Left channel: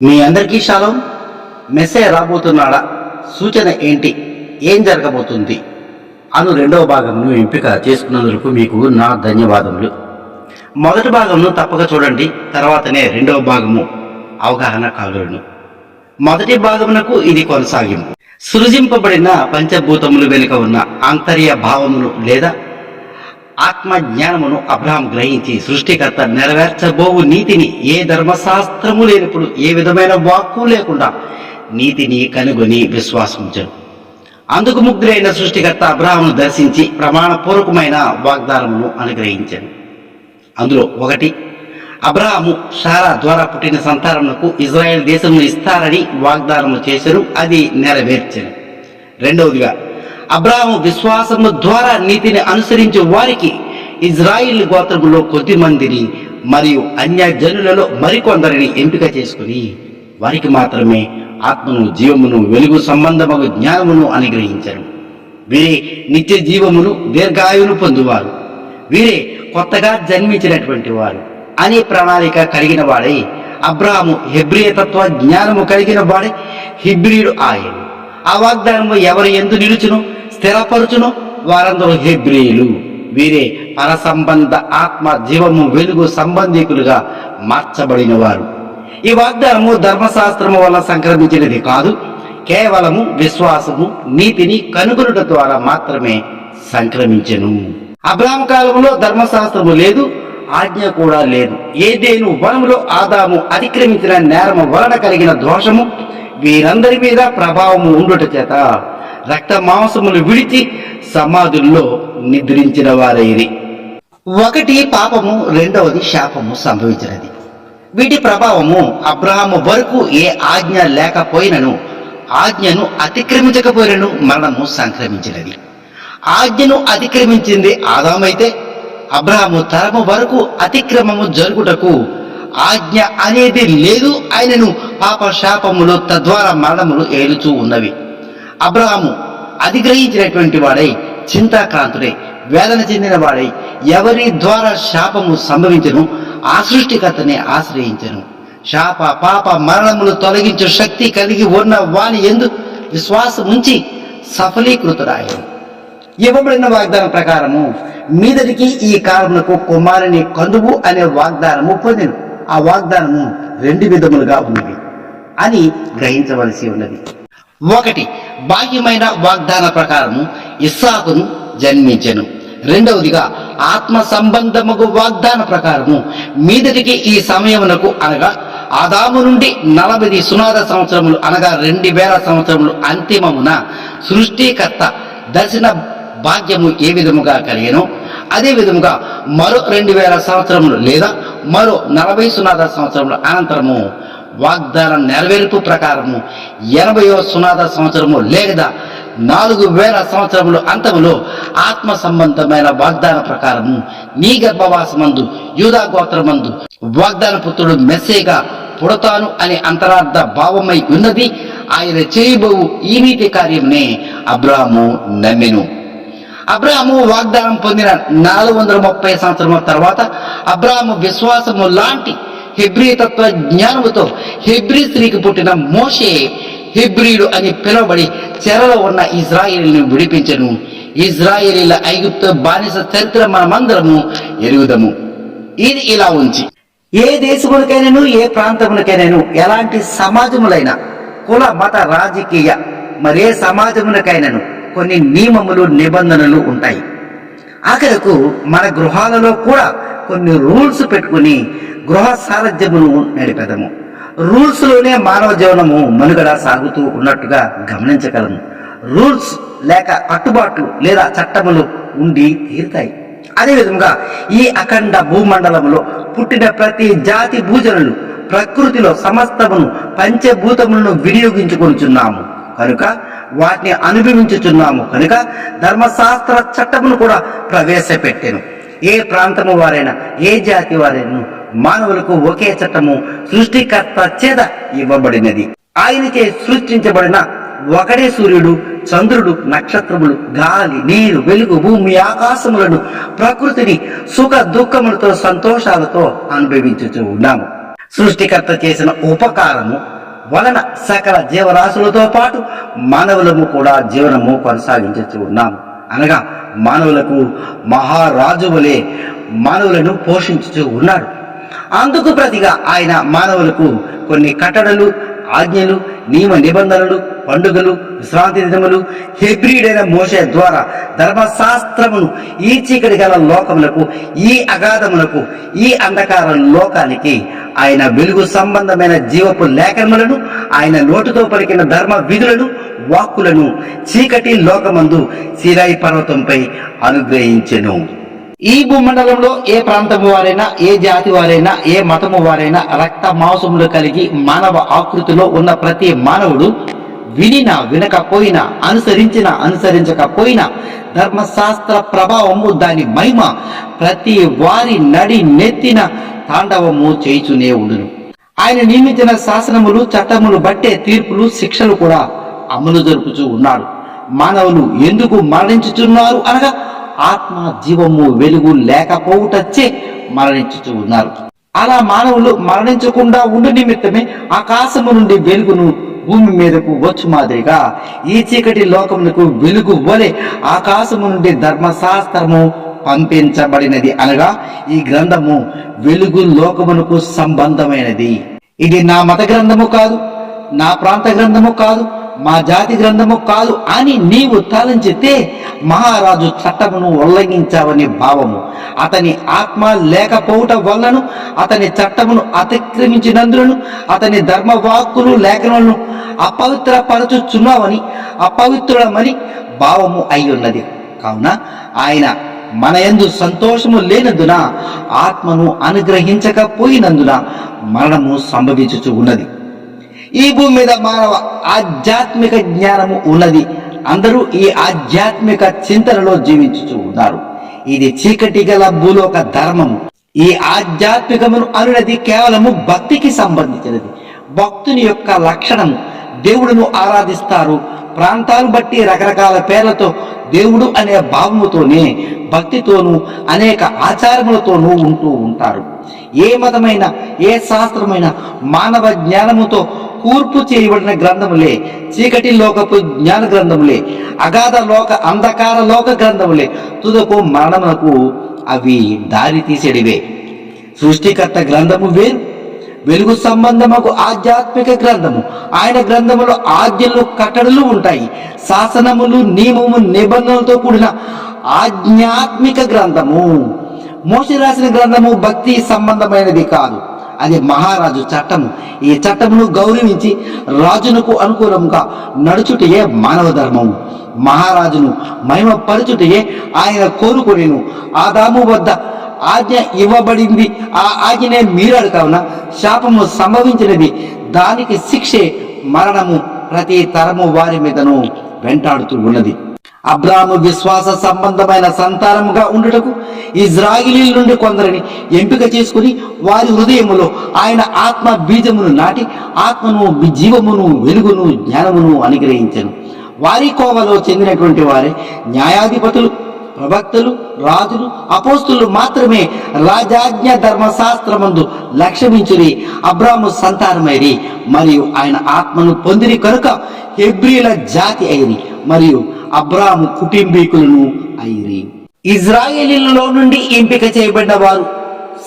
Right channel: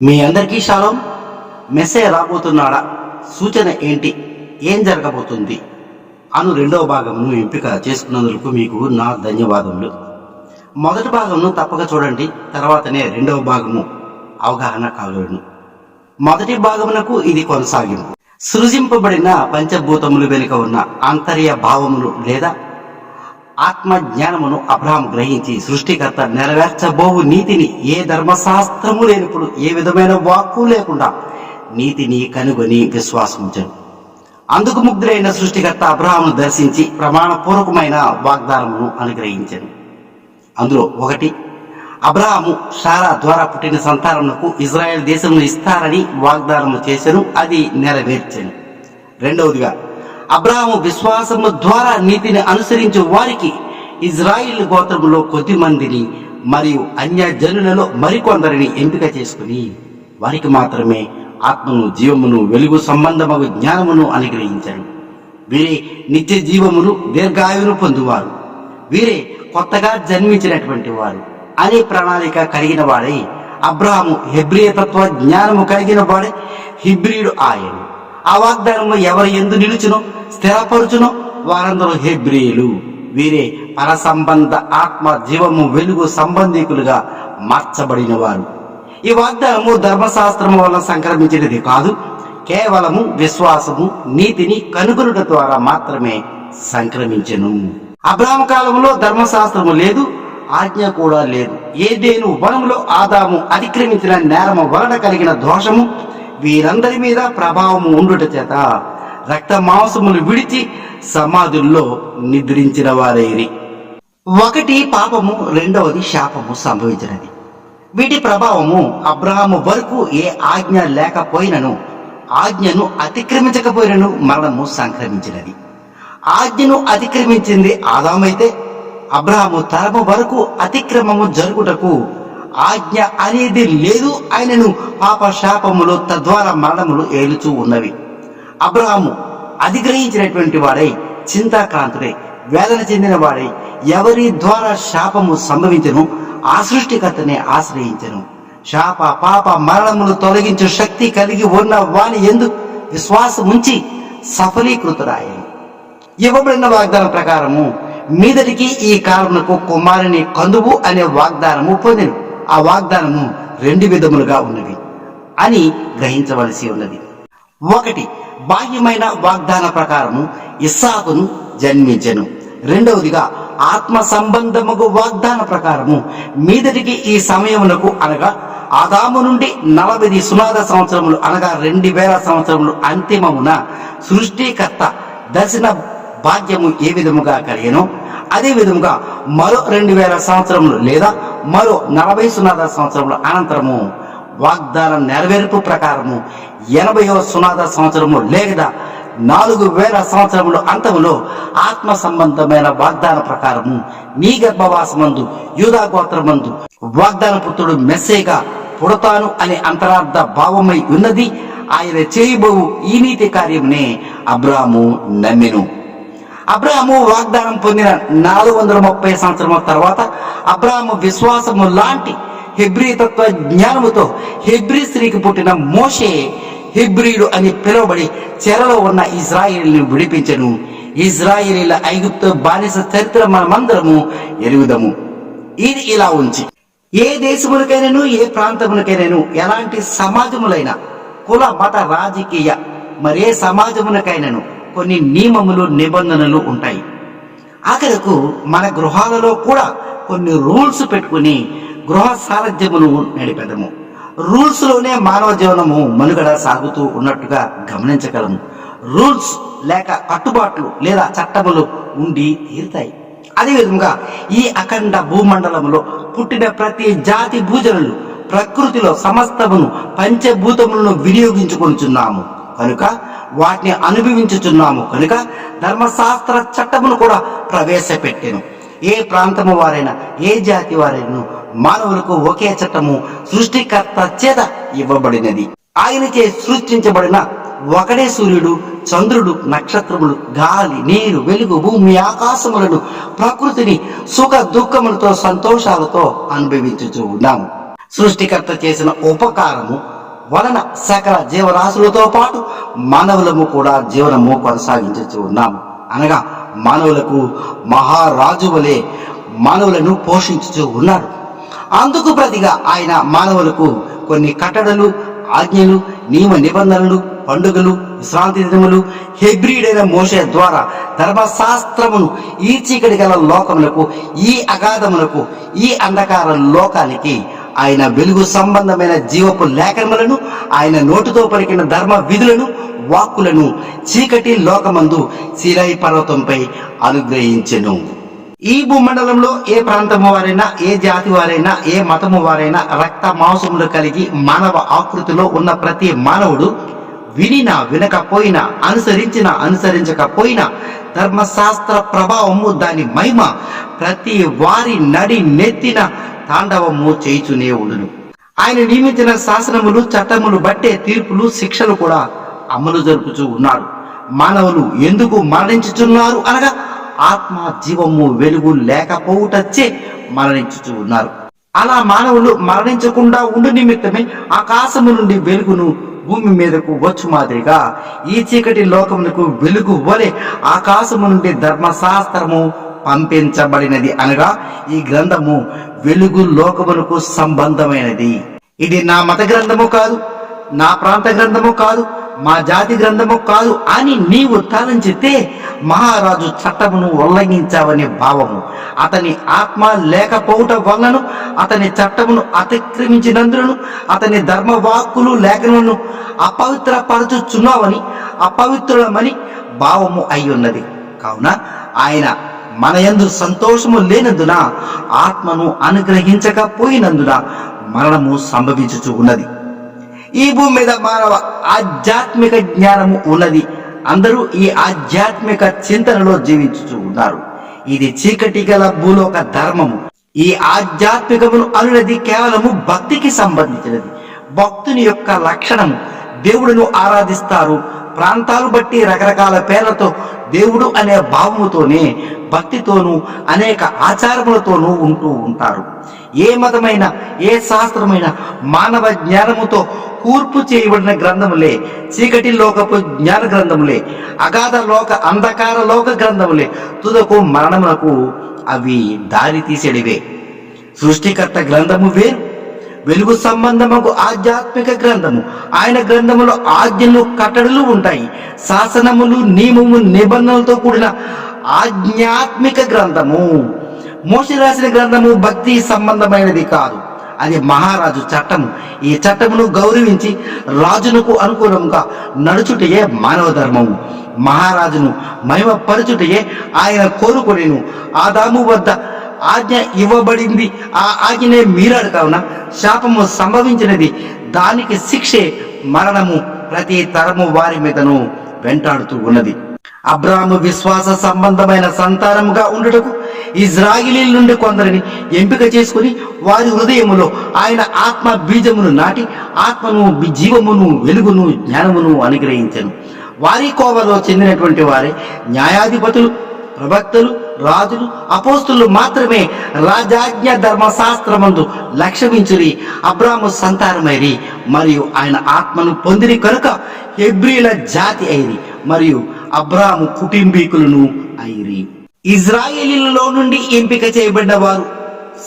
మీ అందరికీ షాలోం. మెస్సే రాబోతున్నాడా? సూచన ఏంటి? ఏం జరగబోతుంది అను రెండవ భాగంను ఎంపిక చేసుకున్నందుకు మీకు నా ధన్యవాదములు. మొదటి భాగంను తప్పక చూడండి, తర్వాతనే రెండవ భాగము అవగాహన కాగలను. మొదటి భాగమునకు ఇది కొనసాగింపు. సృజింపబడిన పంచభూతములు వెనుక ఉన్న ఆంతర్య భావమును లేదా ఆత్మ జ్ఞానమును అబ్రహాం గ్రహించి సృష్టికర్త నెరవేర్చబోవు నీతిని, ఏ ధర్మశాస్త్రము లేనప్పుడు ఏ విధమైన వాక్కు లేకుండా నీతిని కనుగొని విశ్వాసించను. అందుకు ముగ్ధులైన సృష్టికర్త అబ్రహామును దర్శించి ప్రమాణపూర్వకమైన వాగ్దానమును అనుగ్రహించాను. అందులో ఒకటి, అబ్రహాము శారా ద్వారా పుట్టిన సంతానమునకు ఇజ్రాయెల్ దేశమును ఇస్తారని వాగ్దానము చేశాను, అది నెరవేర్చాను. రెండవదిగా, అబ్రహాము విశ్వాసము ద్వారా నీతిని అనుసరించే వారికి ఇజ్రాయిల్ గోత్రములో కొద్ది మందిని మరియు అన్య జనులలో మరికొందరిని ఎంపిక చేసుకుని వారికి మాత్రమే ఆత్మను, జీవమును, వెలుగు సంబంధము జ్ఞానమును అనుగ్రహించారు. వీరే నిత్య జీవమును, దీర్ఘాయువును పొందువారు. వీరే కొత్తగా జన్మించినటువంటి వారు అనే ప్రణాళిక కలిగిన వాడై అబ్రహాము హెబ్రీ తత్వ జ్ఞానము కలిగిన వాడై హిబ్రీయుడు ఆయన. ఆ వాగ్దానము ఎవరు యందు నిలుచునో స్థిరపరుచునో వారందరూ హెబ్రీయులు. వీరే పరసంబంధ ఆత్మ, జీవము, వెలుగు సంబంధికులుగా మార్చబడిన వారు. ఈ వాగ్దానము ధర్మశాస్త్రము వల్ల సంక్రమించినది కాదు, కేవలము విశ్వాసము, నీతిని కనుగొనుట ద్వారా మాత్రమే సంక్రమించెను. అబ్రహాం కాలంలో ధర్మశాస్త్రము లేదు, ఆజ్ఞ కూడా లేదు. ఏదేను వనములో ఆదాము అతిక్రమించిన నేరము వలన కలిగిన దోషము వీరందరి మీద ప్రభావము ఉండుట చేత రక్త మాంసములు విడిచి సమాధుల్లో నిద్రించిన వారైరి. ఒకటి పాపము, రెండవది శాపము సంభవించినది. వీటి ప్రభావము అబ్రహాము వరకు ఏ ఆజ్ఞ లేకపోయినను, ఆజ్ఞను అతిక్రమించకపోయినను మరణము సంక్రమించినది. ఆజ్ఞను అతిక్రమించింది ఆదామైతే అబ్రహాము తరము వరకు అతిక్రమము జరుగుటకు ఆజ్ఞ అనేది లేదు. ఆయనను పాప శాపములు తద్వారా మరణములు ఏలుచూ ఉన్నవి. అబ్రహాము అధిగ్రహించినటువంటి వాడై, చింతాక్రాంతుడై, వేదన చెందిన వాడై ఎవరి ద్వారా శాపము సంభవించను ఆ సృష్టికర్తనే ఆశ్రయించను. శాప పాప మరణములు తొలగించే శక్తి కలిగి ఉన్న వాని యందు విశ్వాసముంచి సఫలీకృతుడాయను. ఇవ్వబడిన వాగ్దానం ప్రకారము మీదటికి ఈ కాలమునకు కుమారుని కందువు అనే వాగ్దానము పొందెను. ఆ వాగ్దానము రెండు విధములుగా ఉన్నది అని గ్రహించవలసి ఉన్నది. ఒకటి, బాహ్యమైన వాగ్దాన ప్రకారము ఇస్సాకును జన్మించెను. రెండవదిగా ఆత్మ సంబంధముగు వాగ్దాన ప్రకారము మీదటికి ఈ సమయమునకు అనగా ఆదాము నుండి 40 సునాద సంవత్సరములు అనగా 2000 సంవత్సరములు అంతిమమున సృష్టికర్త దర్శన భాగ్యము ఏ విధముగా కలిగెనో అదే విధముగా మరో 2000 సంవత్సరములు లేదా మరో 40 సునాద సంవత్సరముల అనంతరము వాగ్దాన నెరవేర్పు ప్రకారము 80వ సునాద సంవత్సరము లేదా 4000 సంవత్సరములు అంతములో ఆత్మ సంబంధమైన వాగ్దాన ప్రకారము నీ గర్భవాసమందు యూదా గోత్రమందు వాగ్దాన పుత్రుడు మెస్సేగా పుడతాను అనే అంతరార్థ భావమై ఉన్నది. ఆయన చేయబోవు ఈ నీతి కార్యమునే అబ్రాహాము నమ్మెను. అబ్రహాము వాగ్దానం పొందిన 430 సంవత్సరముల తర్వాత అబ్రహాము విశ్వాసము లాంటి హెబ్రీ తత్వ జ్ఞానముతో హెబ్రీ స్త్రీకి పుట్టిన మోషే హెబ్రీయుడు అని పిలువబడి చెరలో ఉన్న ఇజ్రాయేలును విడిపించెను. ఇజ్రాయేలీల ఐగుప్తు బానిస చరిత్ర మనమందరము ఎరుగుదము. ఇది ఇలా ఉంచి ఏ దేశములకైనాను, ఏ ప్రాంతములకైనాను, ఎలాంటి సమాజములైనా, కుల మత రాజకీయ మరే సమాజములకైనాను కొన్ని నియమములు, నిబంధనలు ఉంటాయి. ఆఖరకు మన గృహాలలో కూడా కొన్ని రూల్స్ పెట్టుకుని గృహ సారథ్యమును నడిపెదము. రూల్స్ లోనే మానవ జీవనము మనుగడ సాగుతూ ఉన్నట్టుగా గమనించగలము. రూల్స్ లేక కట్టుబాట్లు లేదా చట్టములు ఉండి తీరుతాయి. అదేవిధంగా ఈ అఖండ భూమండలములో పుట్టిన ప్రతి జాతి భూజనులు ప్రకృతిలో సమస్తమును పంచభూతములను వినియోగించుకొనుచున్నాము కనుక, వాటిని అనుభవించుచున్నాము కనుక ధర్మశాస్త్ర చట్టమును కూడా ప్రవేశపెట్టెను. ఏ ప్రాంతము వారైనా, ఏ జాతి వారైనా మానవులకు ఒకే చట్టము సృష్టికర్త చేత ఇవ్వబడినది. ఆయనచే సృష్టించబడిన ఒకడే సూర్యుడు, చంద్రుడు, నక్షత్రములు, గాలి, నీరు, వెలుగు, భూమి, ఆకాశములను, ప్రకృతిని సుఖ దుఃఖములతో సంతోషాలతో అనుభవించుచూ ఉన్నాము. సృష్టికర్త చేసిన ఉపకారము వలన సకల జీవరాశులతో పాటు మానవులము కూడా జీవనము కొనసాగించుతూ ఉన్నాము. అనగా మానవులకు మహారాజు వలె మానవులను పోషించుతూ ఉన్నాడు. అందుకు ప్రతిగా ఆయన మానవులకు కొన్ని కట్టడలు, ఆజ్ఞలు, నియమ నిబంధనలు, పండుగలు, విశ్రాంతి దినములు హెబ్రీడైన మోషే ద్వారా ధర్మశాస్త్రమును ఈ చీకటి గల లోకములకు, ఈ అగాధములకు, ఈ అంధకార లోకానికి ఆయన వెలుగు సంబంధమైన జీవపు లేఖనములను, ఆయన నోటితో పలికిన ధర్మ విధులను, వాక్కులను చీకటి లోకమందు సీనాయి పర్వతంపై అనుగ్రహించెను. ఈ భూమండలంలో ఏ ప్రాంతము వారైనా, ఏ జాతి వారైనా, ఏ మతము వారైనా, రక్త మాంసములు కలిగి మానవ ఆకృతిలో ఉన్న ప్రతి మానవుడు వినినా వినకపోయినా, అనుసరించినా అనుసరించకపోయినా, ధర్మశాస్త్ర ప్రభావము, దాని మహిమ ప్రతి వారి నడి నెత్తిన తాండవము చేయుచునే ఉండును. ఆయన నియమించిన శాసనములు, చట్టములు బట్టే తీర్పులు, శిక్షలు కూడా అమలు జరుపుచూ ఉన్నాడు. మానవులు ఎందుకు మరణించుచున్నారు అనగా ఆత్మ జీవము వెలుగు లేకపోవుటచ్చే మరణించుచూ ఉన్నారు. అలా మానవులు మరణించకుండా ఉండు నిమిత్తమే ఆకాశము నుండి వెలుగును భూమి మీదకు వచ్చు మాదిరిగా ఈ చీకటి లోకమునకు వెలుగు వలె ఆకాశము నుండి ధర్మశాస్త్రము పంపించబడినది. అనగా ఈ గ్రంథము వెలుగు లోకమునకు సంబంధమైనది. ఇది నా మత గ్రంథము కాదు, నా ప్రాంత గ్రంథము కాదు, మా జాతి గ్రంథము కాదు అని నీవు తలంచితే మహారాజు చట్టమును ఉల్లంఘించావని భావము. అతని ఆత్మ లేకపోవుట వలనను, అతని చట్టమును అతిక్రమించినందులను, అతని ధర్మవాక్కులు లేఖనలను అపవిత్రపరచుచున్నావని, అపవిత్రులమని భావము అయ్యున్నది. కావున ఆయన మన యందు సంతోషము లేనందున, ఆత్మను అనుగ్రహించకపోయినందున మరణము సంభవించుచు ఉన్నది. ఈ భూమి మీద మానవ ఆధ్యాత్మిక జ్ఞానము ఉన్నది. అందరూ ఈ ఆధ్యాత్మిక చింతనలో జీవించుచూ ఉన్నారు. ఇది చీకటి గల భూలోక ధర్మము. ఈ ఆధ్యాత్మికమును అనున్నది కేవలము భక్తికి సంబంధించినది. భక్తుని యొక్క లక్షణము దేవుడును ఆరాధిస్తారు. ప్రాంతాలు బట్టి రకరకాల పేర్లతో దేవుడు అనే భావముతోనే, భక్తితోనూ అనేక ఆచారములతోనూ ఉంటూ ఉంటారు. ఏ మతమైన, ఏ శాస్త్రమైన మానవ జ్ఞానముతో కూర్పు చేయబడిన గ్రంథములే, చీకటి లోకపు జ్ఞాన గ్రంథములే, అగాధ లోక అంధకార లోక గ్రంథములే, తుదకు మరణమునకు అవి దారి తీసేడివే. సృష్టికర్త గ్రంథము వేరు, వెలుగు సంబంధముకు ఆధ్యాత్మిక గ్రంథము. ఆయన గ్రంథములో ఆజ్ఞలు, కట్టడలు ఉంటాయి. శాసనములు, నియమము, నిబంధనలతో కూడిన ఆధ్యాత్మిక గ్రంథము. మోషే రాసిన గ్రంథము భక్తి సంబంధమైనది కాదు, అది మహారాజు చట్టము. ఈ చట్టమును గౌరవించి రాజునకు అనుకూలంగా నడుచుటయే మానవ ధర్మము. మహారాజును మహిమపరచుటయే ఆయన కోరుకొనెను. ఆదాము వద్ద ఆజ్ఞ ఇవ్వబడింది, ఆ ఆజ్ఞనే మీరాడు. కావున శాపము సంభవించినది, దానికి శిక్షే మరణము ప్రతి తరము వారి మీదను వెంటాడుతూ ఉన్నది. అబ్రాహాము విశ్వాస సంబంధమైన సంతానముగా ఉండుటకు ఇజ్రాయిలీల నుండి కొందరిని ఎంపిక చేసుకుని వారి హృదయములో ఆయన ఆత్మ బీజమును నాటి ఆత్మను, జీవమును, వెలుగును, జ్ఞానమును అనుగ్రహించెను. వారి కోవలో చెందినటువంటి వారి న్యాయాధిపతులు, ప్రవక్తలు, రాజులు, అపోస్తులు మాత్రమే రాజాజ్ఞ ధర్మశాస్త్రమందు లక్ష్యమించురి అబ్రాహాము సంతానమైరి. మరియు ఆయన ఆత్మను పొందిరి కనుక హెబ్రీల జాతి అయిరి, మరియు అబ్రాహాము కుటుంబీకులను అయిరి. ఇజ్రాయేలీలలో నుండి ఎంపిక చేయబడిన వారు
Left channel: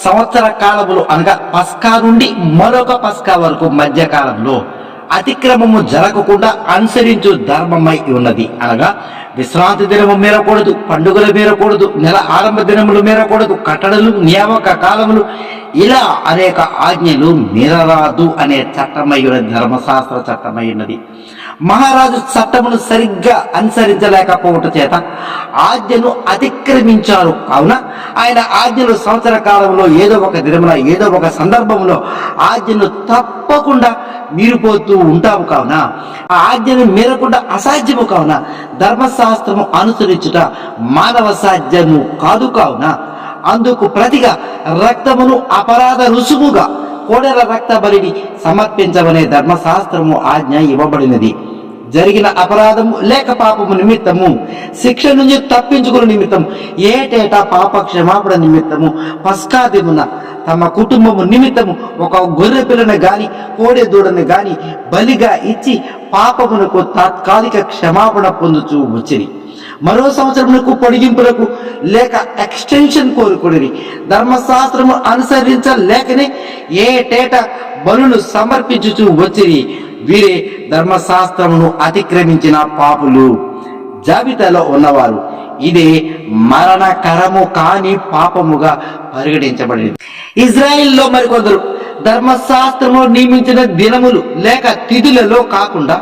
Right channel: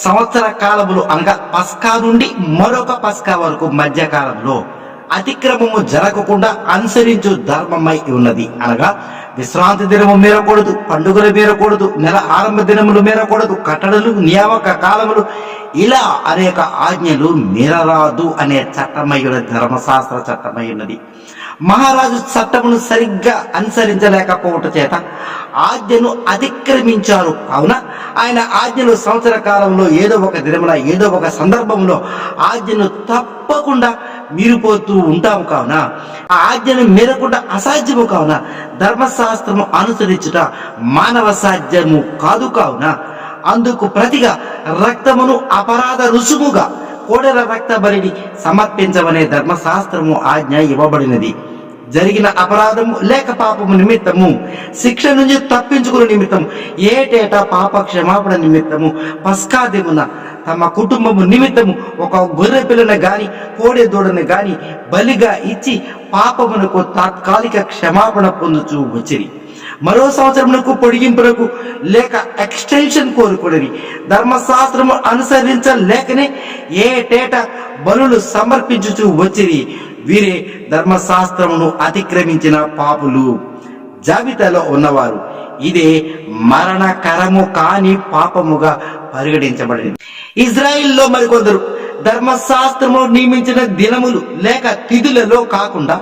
సంవత్సర కాలములు అనగా పస్కా నుండి మరొక పస్కా వరకు మధ్య కాలంలో అతిక్రమము జరగకుండా అనుసరించు ధర్మమై ఉన్నది. అనగా విశ్రాంతి దినము మీరకూడదు, పండుగలు మీరకూడదు, నెల ఆరంభ దినములు మీరకూడదు, కట్టడలు, నియామక కాలములు, ఇలా అనేక ఆజ్ఞలు మీరరాదు అనే చట్టమై ఉన్నది, ధర్మశాస్త్ర చట్టమై ఉన్నది. మహారాజు చట్టమును సరిగ్గా అనుసరించలేకపోవటం చేత ఆజ్ఞను అతిక్రమించారు. కావున ఆయన ఆజ్ఞలు సంవత్సర కాలంలో ఏదో ఒక దినమున, ఏదో ఒక సందర్భంలో ఆజ్ఞను తప్పకుండా మీరిపోతూ ఉంటాము. కావున ఆ ఆజ్ఞను మీరకుండా అసాధ్యము. కావున ధర్మశాస్త్రము అనుసరించుట మానవ సాధ్యము కాదు. కావున అందుకు ప్రతిగా రక్తమును అపరాధ రుసుముగా కోడెల రక్త బలిని సమర్పించవనే ధర్మశాస్త్రము ఆజ్ఞ ఇవ్వబడినది. జరిగిన అపరాధము లేక పాపము నిమిత్తము శిక్ష నుంచి తప్పించుకునే నిమిత్తము ఏటేటా పాప క్షమాపణ నిమిత్తము పస్కా దినమున తమ కుటుంబము నిమిత్తము ఒక గొర్రె పిల్లను గాని కోడె దూడను గాని బలిగా ఇచ్చి పాపమునకు తాత్కాలిక క్షమాపణ పొందుచూ వచ్చిరి. మరో సంవత్సరమునకు పొడిగింపులకు లేక ఎక్స్టెన్షన్ కోరుకుని ధర్మశాస్త్రము అనుసరించలేకనే ఏటేట బలులు సమర్పించుచూ వచ్చిరి. వీరే ధర్మశాస్త్రమును అతిక్రమించిన పాపులు జాబితాలో ఉన్నవారు. ఇదే మరణకరము కాని పాపముగా పరిగణించబడింది. ఇజ్రాయిల్లో మరికొందరు ధర్మశాస్త్రము నియమించిన దినములు లేక తిథులలో కాకుండా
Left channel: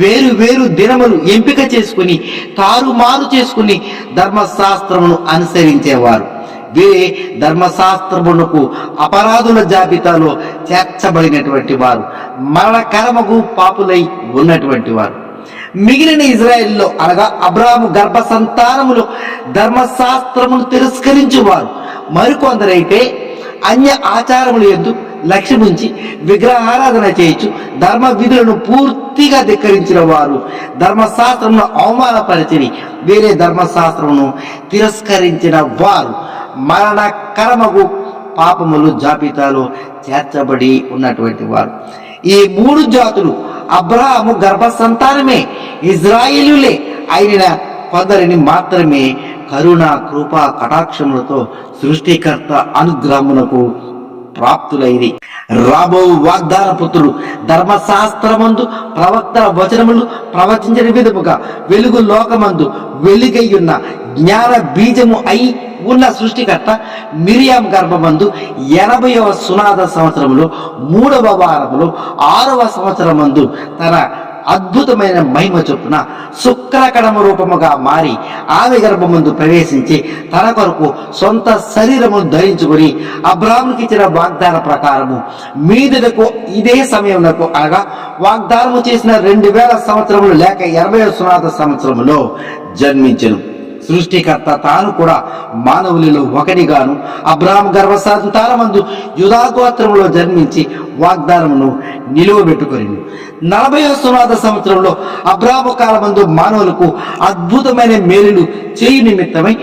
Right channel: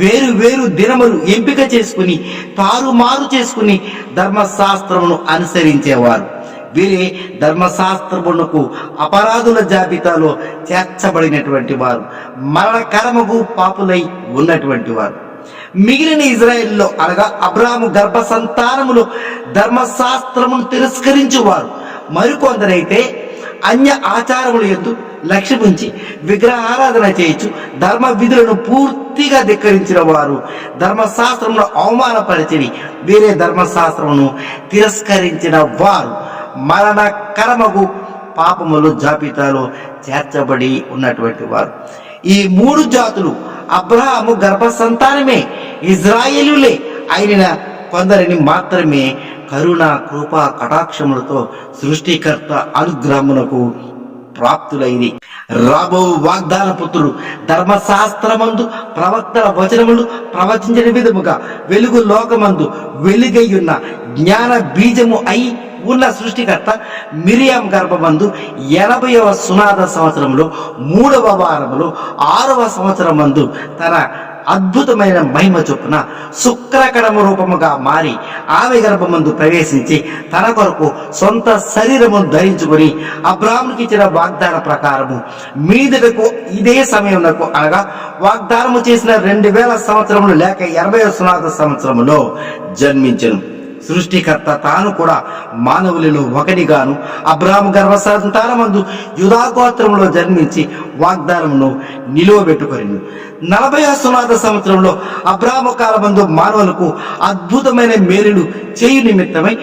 వేరు వేరు దినములు ఎంపిక చేసుకుని తారుమారు చేసుకుని ధర్మశాస్త్రమును అనుసరించేవారు. వీరే ధర్మశాస్త్రమునకు అపరాధుల జాబితాలో చేర్చబడినటువంటి వారు, మరణకరమగు పాపులై ఉన్నటువంటి వారు. మిగిలిన ఇజ్రాయెల్లో అనగా అబ్రాహాము గర్భ సంతానములో ధర్మశాస్త్రమును తిరస్కరించువారు మరికొందరైతే అన్య ఆచారముల యందు లక్ష్యముంచి విగ్రహారాధన చేయొచ్చు ధర్మ విధులను పూర్తిగా ధిక్కరించిన వారు ధర్మశాస్త్రమును అవమానపరిచి వేరే ధర్మశాస్త్రమును తిరస్కరించిన వారు మరణకరమగు పాపములు జాబితాలో చేర్చబడి ఉన్నటువంటి వారు. ఈ మూడు జాతులు అబ్రహాము గర్భ సంతానమే, ఇజ్రాయేలులే అయిన కొందరిని మాత్రమే కరుణ కృప కటాక్షములతో సృష్టికర్త అనుగ్రహమునకు ప్రాప్తులైది. రాబో వాగ్దాన పుత్రుడు ధర్మశాస్త్రమందు ప్రవక్తల వచనములు ప్రవచించిన విధముగా వెలుగు లోకమందు వెలుగయ్యున్న జ్ఞాన బీజము అయి ఉన్న సృష్టికర్త మిరియాం గర్భమందు 80వ సునాద సంవత్సరంలో 3వ వారములో 6వ సంవత్సరమందు తన అద్భుతమైన మహిమ చొప్పున శుక్రకణము రూపముగా మారి ఆమె గర్భమందు ప్రవేశించి తన కొరకు సొంత శరీరమును ధరించుకొని అబ్రాహామునికి ఇచ్చిన వాగ్దాన ప్రకారము మీదకు ఇదే సమయమునకు అనగా వాగ్దానము చేసిన 2000 సంవత్సరములు లేక 80వ సునాద సంవత్సరములో జన్మించెను. సృష్టికర్త తాను కూడా మానవులలో ఒకటిగాను అబ్రాహాము గర్భ సంతానమందు యూదా గోత్రములో జన్మించి వాగ్దానమును నిలువబెట్టుకొనిను. 40వ సునాద సంవత్సరంలో అబ్రాహాము కాలమందు మానవులకు అద్భుతమైన మేలులు చేయు నిమిత్తమై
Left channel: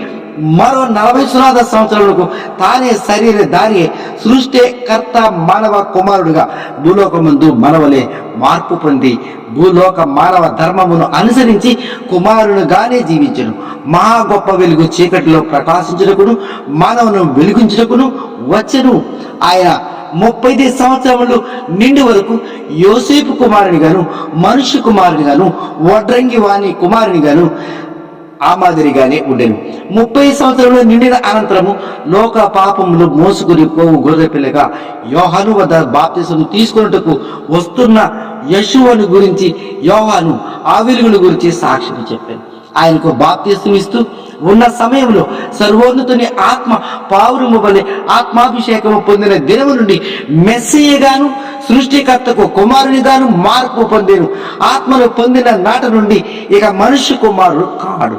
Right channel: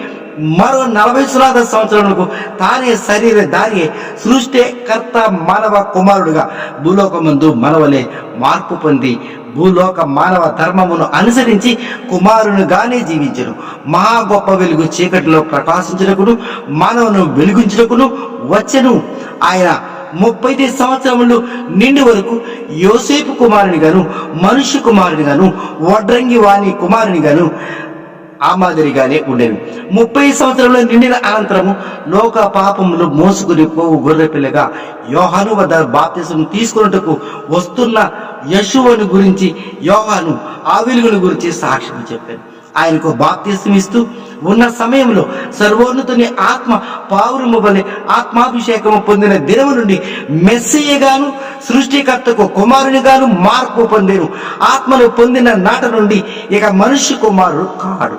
మరో 40 సునాద సంవత్సరములకు తానే శరీర దారి సృష్టికర్త మానవ కుమారుడుగా భూలోకమందు మనవలే మార్పు పొంది భూలోక మానవ ధర్మమును అనుసరించి కుమారునిగానే జీవించను. మహా గొప్ప వెలుగు చీకటిలో ప్రకాశించుటకును మానవును వెలిగించుటకును వచ్చెను. ఆయన 30 సంవత్సరములు నిండి వరకు యోసేపు కుమారునిగాను మనుష్య కుమారునిగాను వడ్రంగి వాణి కుమారునిగాను ఆ మాదిరిగానే ఉండెను. 30 సంవత్సరంలో నిండిన అనంతరము లోక పాపములు మోసుకుని పోవు గొర్రె పిల్లగా యోహాను వద్ద బాప్తిసం తీసుకున్నట్టుకు వస్తున్న యెషూవను గురించి యోహాను ఆ వెలుగును గురించి సాక్ష్యం చెప్పాను. ఆయనకు బాప్తిసం ఇస్తూ ఉన్న సమయంలో సర్వోన్నతుని ఆత్మ పావురము వలె ఆత్మాభిషేకము పొందిన దినము నుండి మెస్సయ్యగాను సృష్టికర్తకు కుమారునిగాను మార్పు పొందేను. ఆత్మను పొందిన నాట నుండి ఇక మనుష్య కుమారుడు కాడు,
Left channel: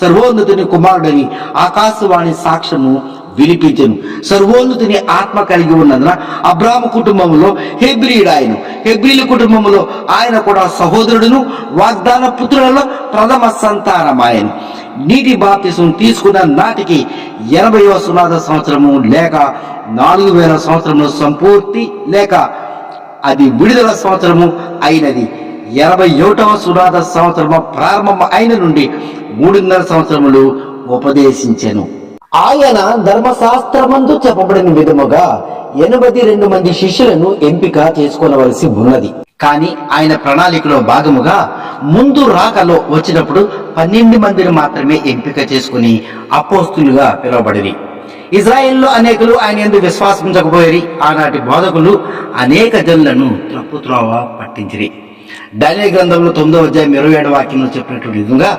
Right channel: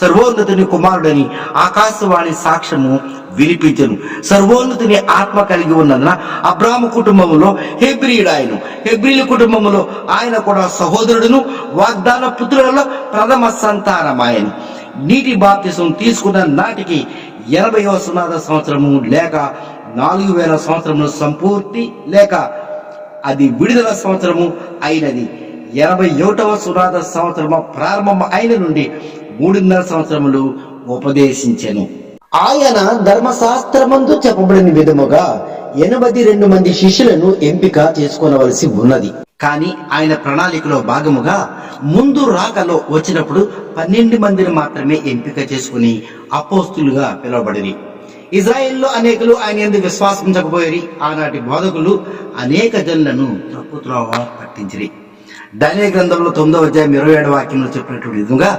సర్వోన్నతుని కుమారుడని ఆకాశవాణి సాక్ష్యము వినిపించను. సర్వోన్నతుని ఆత్మ కలిగి ఉన్నందున అబ్రాహాము కుటుంబములో హెబ్రీయుడు ఆయన, హెబ్రీల కుటుంబములో ఆయన కూడా సహోదరుడును వాగ్దాన పుత్రులలో ప్రథమ సంతానమాయను. నీటి బాప్తిసం తీసుకున్న నాటికి 80వ సునాద సంవత్సరము లేక 4000 సంవత్సరము సంపూర్తి లేక అది విడుదల సంవత్సరము అయినది. 81వ సునాద సంవత్సరము ప్రారంభం అయిన నుండి 3.5 సంవత్సరములు ఉపదేశించెను. ఆయన ధర్మశాస్త్రమందు చెప్పబడిన విధముగా 82 మంది శిష్యులను ఎంపిక చేసుకోవలసి ఉన్నది. కానీ ఆయన ప్రణాళికలో భాగముగా ముందు రాకలో వచ్చినప్పుడు 12 మందిని మాత్రమే ఎంపిక చేసుకుని అపోస్తులుగా పిలువబడిరి. ఇజ్రాయెల్లో అనేకులు ఆయన యందు విశ్వాసించకపోయి ఆనాటి బోధకులు అనేక జనులను త్రోవ పట్టించిరి. దానియేలు గ్రంథంలో 9వ అధ్యాయం 27వ వాక్యంలో చెప్పినటువంటి విధంగా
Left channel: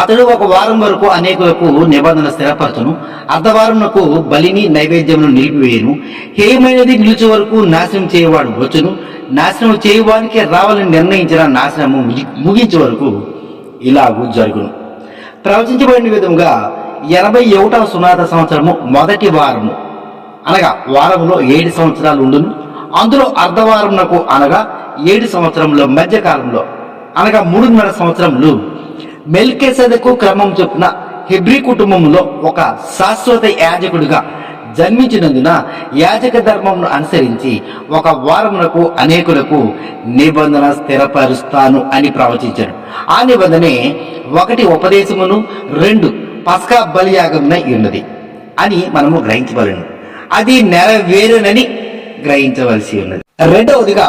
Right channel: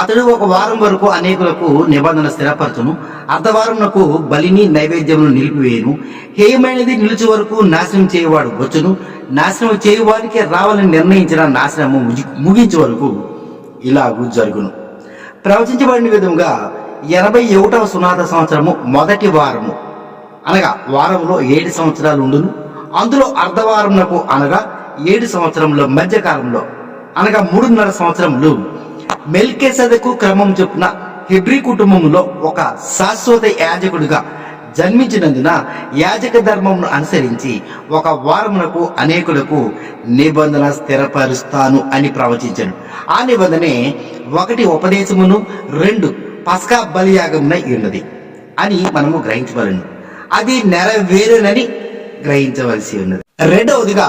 అతడు ఒక వారం వరకు అనేకులకు నిబంధన స్థిరపరచును, అర్ధవారమునకు బలిని నైవేద్యమును నిలిపివేయును, హేయమైనది నిలిచి వరకు నాశనం చేయవాడు వచ్చును, నాశనం చేయవానికి రావాలని నిర్ణయించిన నాశనము ముగించే వరకు ఇలాగూ జరుగును. ప్రవచించబడిన విధముగా 81వ సునాద సంవత్సరము మొదటి వారము అనగా వారములో 7 సంవత్సరాలు ఉండును. అందులో అర్ధవారమునకు అనగా 7 సంవత్సరముల మధ్యకాలంలో అనగా 3.5 సంవత్సరములు మెల్కీసెదెకు క్రమం చొప్పున హెబ్రీ కుటుంబంలో ఒక శాశ్వత యాజకుడిగా జన్మించినందున యాజక ధర్మమును అనుసరించి ఒక వారమునకు అనేకులకు నిబంధన స్థిరపరుస్తాను అని ప్రవచించను. ఆ నిబంధనే 1 ఉపదేశమును 2 పస్కా బలియాగమున ఉన్నది అని మనము గ్రహించవలను. అది నెరవేరునని గ్రహించవలసి ఉన్నది. రెండవదిగా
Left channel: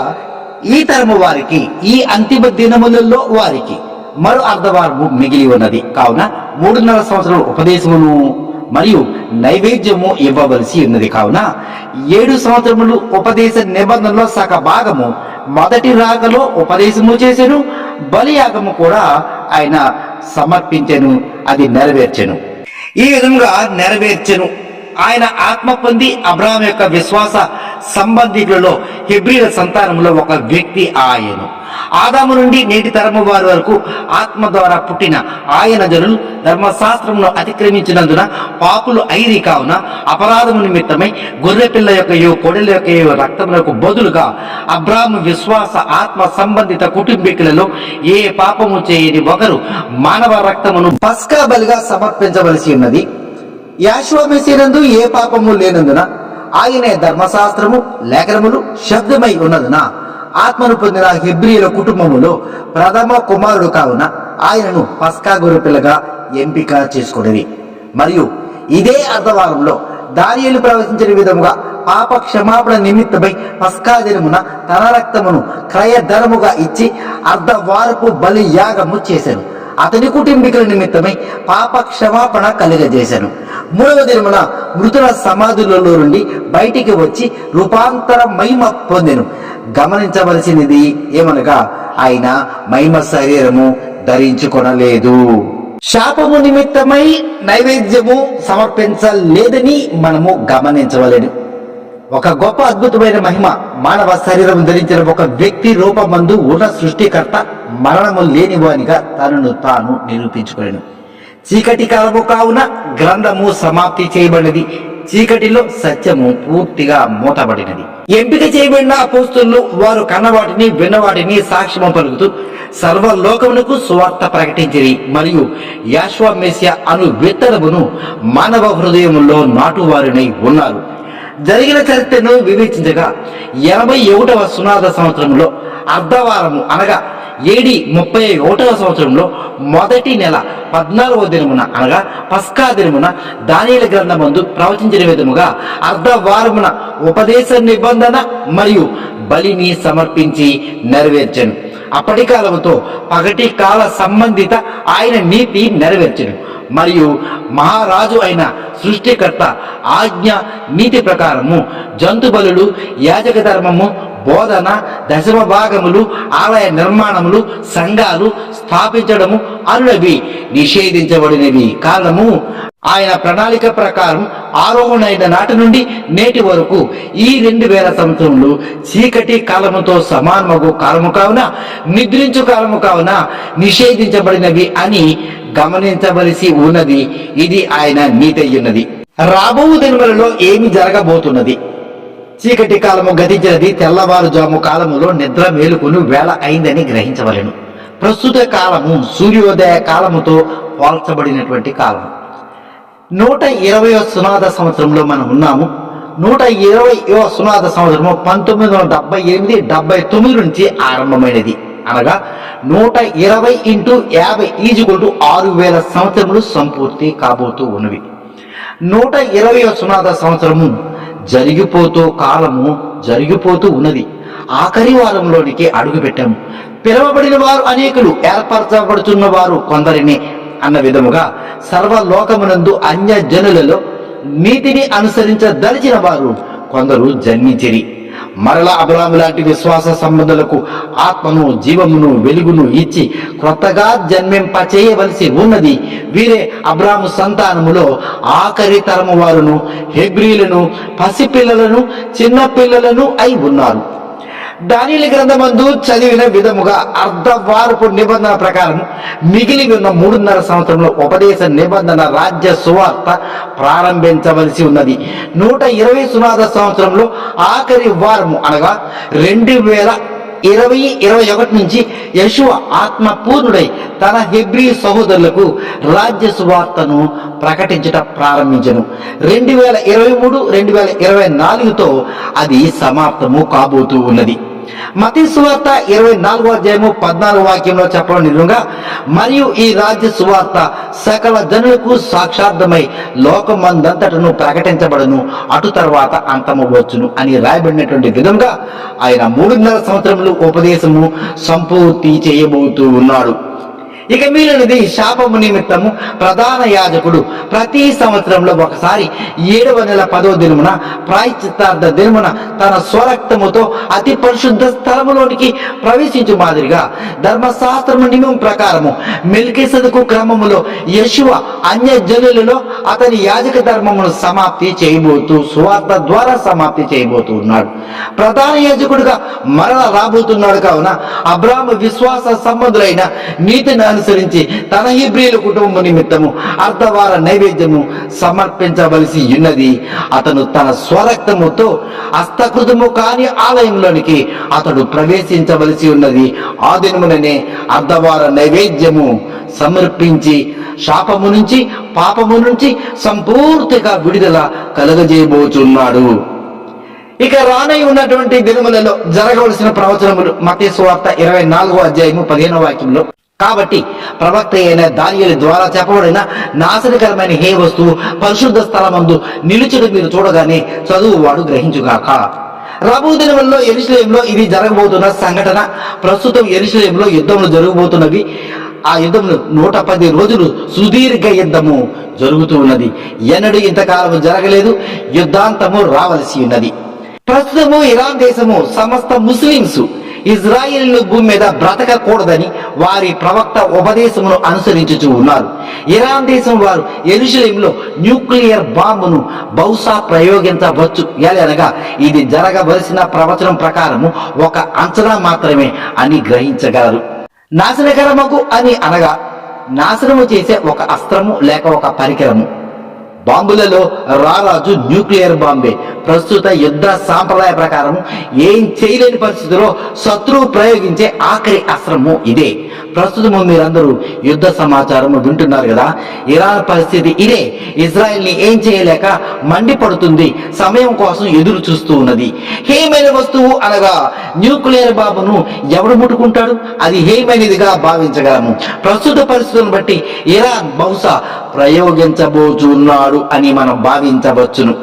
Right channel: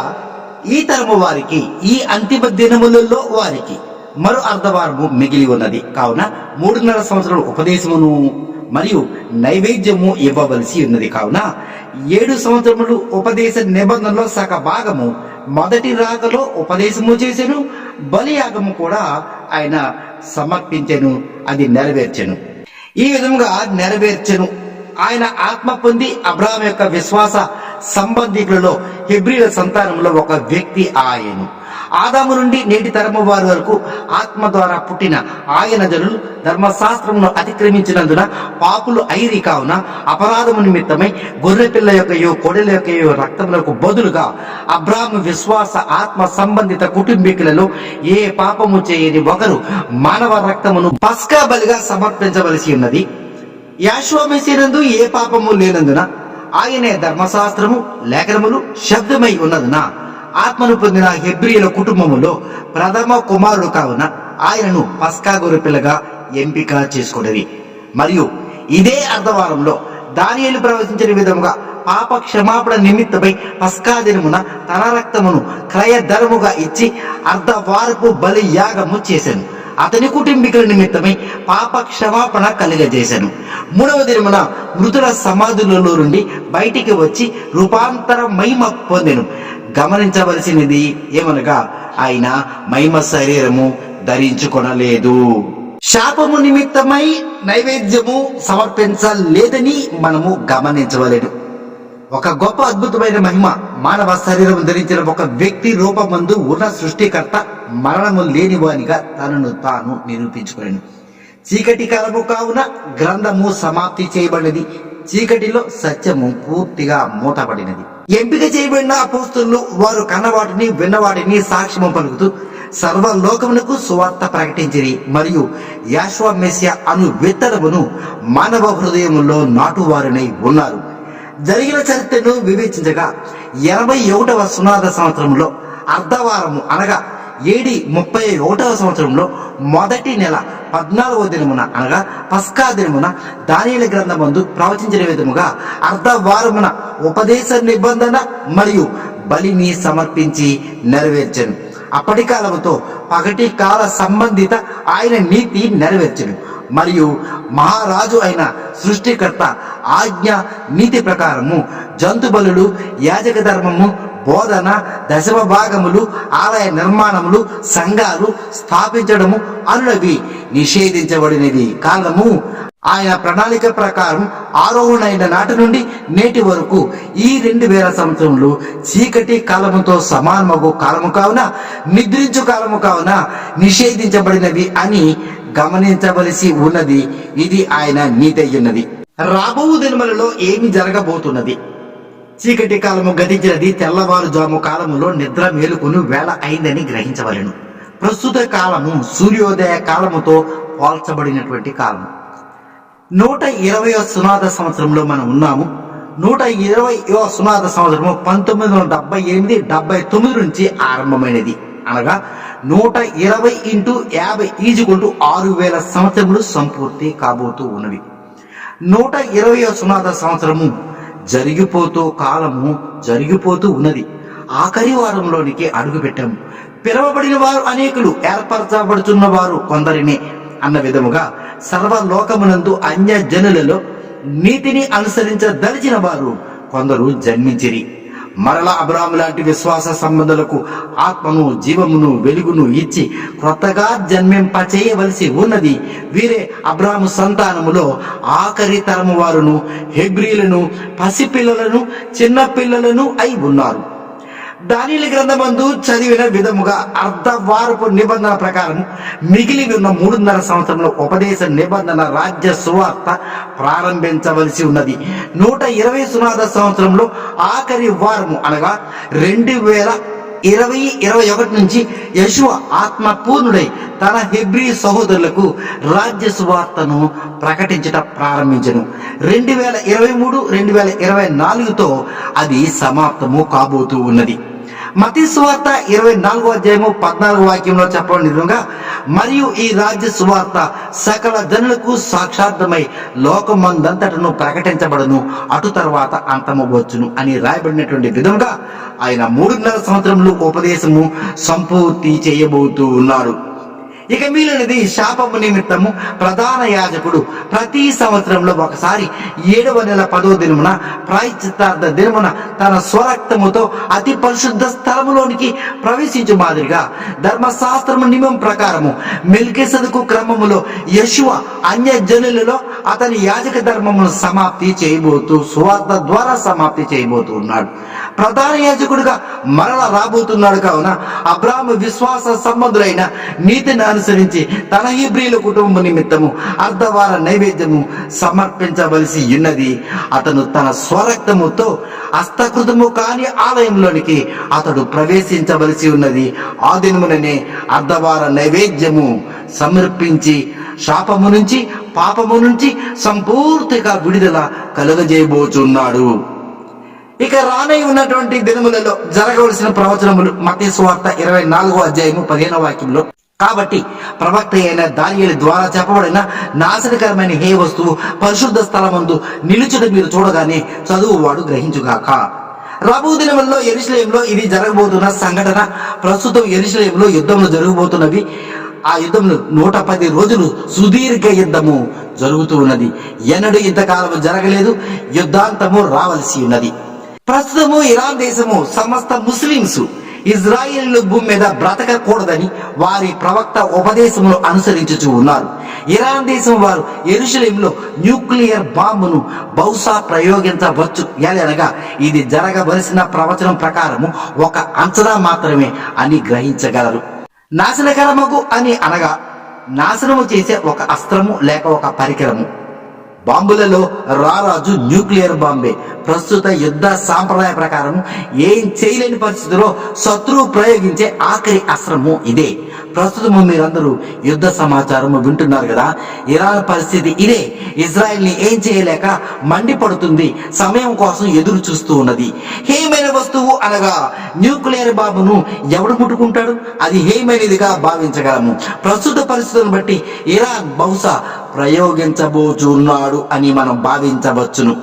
ఈ తరము వారికి ఈ అంతిమ దినములలో వారికి మరో అర్ధవారము మిగిలి ఉన్నది. కావున 3.5 సంవత్సరాల ఉపదేశమును మరియు నైవేద్యము ఇవ్వవలసి ఉన్నది. కావున 7 సంవత్సరములు ఉపదేశ నిబంధనలో సగ భాగము మొదటి రాకలో ఉపదేశము చేసెను, బలియాగము కూడా ఆయన సమర్పించెను, అది నెరవేర్చెను. ఈ విధంగా నెరవేర్చెను. ఆయన ఆత్మ పొంది అబ్రహాం యొక్క విశ్వాస సంబంధికులలో హెబ్రీల సంతానంలో ఒక వ్యక్తి ఆయను. ఆదాము నుండి నేటి తరము వారి వరకు ఆత్మ ద్వారా పుట్టిన ఆయన జనులు ధర్మశాస్త్రమును అతిక్రమించినందున పాపులు అయిరి. కావున అపరాధము నిమిత్తమై గొర్రెపిల్ల యొక్కయో కోడెల యొక్కయో రక్తములకు బదులుగా అబ్రాహాము విశ్వాస ఆత్మ సంబంధిత కుటుంబీకులలో ఏ పాపము చేయని ఒకరు మానవ రక్తమును పస్కా బలిగా సమర్పించవలసి ఉన్నది. యాషువ మెస్సీనందు ఏ పాపము లేనందున ఆయనే ధర్మశాస్త్రము లేఖనములు శబ్దమై ఉన్నదున ఆత్మను పొందిన హెబ్రీయుల కుటుంబములో ప్రథమ కుమారుడు కావున ఆయనను పస్కా గొర్రెపిల్లగా ఎంపిక చేసుకునేవి. మరియు ఇదే అర్ధవారంలో దానియేలు ప్రవచించిన విధముగా పాప క్షమాపణ నిమిత్తమై పస్కా దినమున తన రక్తమును క్రయధరముగా ఇచ్చి అర్ధవారపు బలి యాగము చేశాను. అతని కుటుంబీకుల నిమిత్తమై పాప క్షమాపణ కలుగజేశాను. 3వ దినమున మృతుల సమాధులలో నుండి బయటికి వచ్చి రూపాంతర మహిమ పొందెను. గమనించవలసినది ఏమనగా ఆయన మహిమ శరీరము ధరించుకొనలేదు. శాపము నిమిత్తమై నైవేద్యము సమర్పించలేదని మనము గమనించవలెను. ఒక గొప్ప అద్భుతమైన మహిమ మానవ శరీరం ధరించిన ఒక వ్యక్తి రూపమందు ఉన్న సృష్టికర్త మరణము లేనివానిగా తనను తాను నిరూపించుకొనెను. చీకటి కాలము కావున గ్రంథము సమాప్తి చేయబడినది. చీకటిలో సత్యము పూర్తిగా మూతబడినది. ఎంపిక చేయబడిన అపోస్తలులు వారు కన్నవాటిని విన్నవాటిని సాక్ష్యము పలుకుతూ సర్వలోకమునకు సువార్త ప్రకటించిరి. మరియు యాషువ మెస్సియా అను విత్తనమును మానవ హృదయములో నాటువారినై ఉన్నారు. జరిగిన చరిత్రను వివేచించగా 81వ సునాద సంవత్సరంలో అర్ధవారము అనగా AD 31వ సంవత్సరంలో మొదటి నెల 14వ దినమున అనగా పస్కా దినమున దానియేలు గ్రంథమందు ప్రవచించిన విధముగా అర్ధవారమున ఉపదేశ నిబంధన మరియు బలిని సమర్పించి నెరవేర్చెను. అప్పటి కాలముతో పగటి కాల సంబంధిత ఆయన నీతి నెరవేర్చెను. మరియు మహారాజు అయిన సృష్టికర్త ఆజ్ఞ నీతి ప్రకారము జంతు బలులు, యాజక ధర్మము, బోధన, దశమ భాగములు, ఆలయ నిర్మాణములు, సంఘాలు స్థాపించడము అనునవి నిషేధించబడినవి. కారణము ఆయన ప్రణాళిక ప్రకారం ఆరోహణైన నాటి నుండి నేటి వరకు ఈ 2000 సంవత్సరములు చీకటి కాలముతో సమానమగు కాలము కావున, నిద్రించు కాలము కావున నిషేధించబడినవి అని గమనించవలసి ఉన్నది. ఇది ఆయన నీతి ఉన్నది. రాబో దినములలో ఏమి జరగబోతున్నది? చీకటి కాలము గతించినది. తెల్లవారుజాము కాలములో నిద్ర మేలుకొని వేళ అయిందని గ్రహించవలెను. ప్రస్తుత కాలము సూర్యోదయ కాలముతో పోల్చబడినటువంటి కాలము. 120వ సునాద సంవత్సరంలో మనం ఉన్నాము. 120వ సునాద సంవత్సరము 1978, 79 నుంచి ఆరంభమైనది. అనగా 120 × 50 6000 సంవత్సరములు సంపూర్తి కాబోతూ ఉన్నవి. 120వ సునాద సంవత్సరము కాలము జరిగిపోతూ ఉన్నది. ఆఖరి వారంలోనికి అడుగు పెట్టాము. పిలవబడిన వారు అనేకులు, ఏర్పరచబడుతున్న వారు కొందరిని అన్న విధముగా సర్వలోకమునందు అన్య జనులలో నీతిని అనుసరించదలిచిన వారు కొందరు జన్మించిరి. మరలా అబ్రాహాము లాంటి విశ్వాస సంబంధులకు ఆత్మను, జీవమును, వెలుగును ఇచ్చి క్రొత్తగా జన్మింపచేయవలసి ఉన్నది. వీరే అబ్రాహాము సంతానములో ఆఖరి తరము వారును, హెబ్రీలను, పసిపిల్లలను, చిన్నపిల్లలను అయి ఉన్నారు. దానియేలు గ్రంథమందు చదివిన విధముగా అర్ధవారపు నిబంధన ప్రకారము మిగిలి ఉన్న 3.5 సంవత్సరంలో ఉపదేశ నిబంధన రాజ్య సువార్త ప్రారంభించవలసి ఉన్నది. 120 సునాద సంవత్సరంలో ఆఖరి వారము అనగా 2000 20:21 నుంచి యెషూవ ఆత్మ పూర్ణుడై తన హెబ్రీ సహోదరులకు రాజ్య సువార్తను ప్రకటించట ప్రారంభించను. 2023-2024తో అది సమాప్తము కాబోతూ ఉన్నది. మత్తయి సువార్త 24:14 చెప్పడం నిజంగా, మరియు ఈ రాజ్య సువార్త సకల జనులకు సాక్షార్థమై లోకమందంతటను ప్రకటించబడను, అటు తర్వాత అంతము వచ్చును అని రాయబడినటువంటి విధంగా ఆయన 3.5 సంవత్సరములు ఉపదేశము సంపూర్తి చేయబోతూ ఉన్నాడు. ఇక మిగిలినది శాపము నిమిత్తము ప్రధాన యాజకుడు ప్రతి సంవత్సరంలో ఒకసారి 7వ నెల 10వ దినమున ప్రాయశ్చిత్తార్థ దినమున తన స్వరక్తముతో అతి పరిశుద్ధ స్థలములోనికి ప్రవేశించు మాదిరిగా ధర్మశాస్త్రము నియమం ప్రకారము మెల్కీసెదెకు క్రమములో యెషూవ అన్యజనులలో అతని యాజక ధర్మమును సమాప్తి చేయబోతూ సువార్త ద్వారా సమాప్తి చేయబోతూ ఉన్నాడు. ప్రధాన యాజకుడిగా మరల రాబోతున్నాడు. కావున అబ్రాహాము విశ్వాస సంబంధులైన నీతిని అనుసరించి తన హెబ్రీయుల కుటుంబం నిమిత్తము అర్ధవార నైవేద్యము సమర్పించవలసి ఉన్నది. అతను తన స్వరక్తముతో హస్తకృతము కాని ఆలయంలోనికి అతడు ప్రవేశించవలసి ఉన్నది. ఆ దినముననే అర్ధవార నైవేద్యము సమర్పించి శాపము నుంచి పాపము నుంచి సంపూర్తిగా విడుదల కలుగజేయబోచున్నాడు. ఇక రానై ఉన్నటువంటి దినములలో జరగవలసిన ప్రవచనములు మత్తయి సువార్త 24:15 కాబట్టి ప్రవక్త అయిన దానియేలు ద్వారా చెప్పబడిన నాశనకరమైన హే వస్తువు పరిశుద్ధ స్థలమందు నిలుచుడు మీరు చూడగానే చదువువాడు గ్రహించుగాక. రాబో దినములలో యెరూషలేములో ఇది జరగబోతున్న సంఘటన. ప్రస్తుతం యెరూషలేములో యుద్ధములు జరగబోతున్నవి. ఆ యుద్ధములు 110 రోజులు సుదీర్ఘ యుద్ధము జరుగుతూ ఉన్నది. ఎన్నడూ ఇంతకాలము జరగలేదు. యుద్ధాంతము రావలసి ఉన్నది. ప్రస్తుతము ఇరాన్ దేశము సమస్త ముస్లింస్ ఇజ్రాయేలు భూమి మీద బ్రతకకూడదని వారి ప్రవక్త ఉపదేశమును అనుసరించుచూ ఉన్నారు. ఇరాన్ దేశం వారు యెరూషలేములో న్యూక్లియర్ బాంబును బహుశా ప్రయోగించవచ్చు. అనగా ఇది జరగవలసిన ప్రవచనం ప్రకారము ఒక అంచనా మాత్రమే అని గ్రహించగలరు. నాశనకరమగు అని అనగా నాశనము చేసే ఒక అస్త్రము లేక ఒక పరికరము. బాంబులలో రారాజు న్యూక్లియర్ బాంబే. ప్రస్తుత యుద్ధ సాంప్రదాయ ప్రకారం ఏం చేయలేని పరిస్థితిలో శత్రువు ప్రయోగించే ఆఖరి అస్త్రము ఇదే. ప్రస్తుతము మీరందరూ యుద్ధ సమాచారము వింటున్నారు కదా. ఇరాన్ పరిస్థితి ఇదే. ఇజ్రాయెల్ని ఏం చేయలేక మండిపడుతుంది. సమయం కోసం ఎదురు చూస్తూ ఉన్నది. హేమైన వస్తువు అనగా న్యూక్లియర్ బాంబును ఎవడు ముట్టుకుంటాడు? అది హేమైనదిగా భావించగలము. ప్రస్తుత పరిస్థితులను బట్టి ఇరాన్ బహుశా ప్రయోగించబోచున్నాడు అని మనం భావించవచ్చును.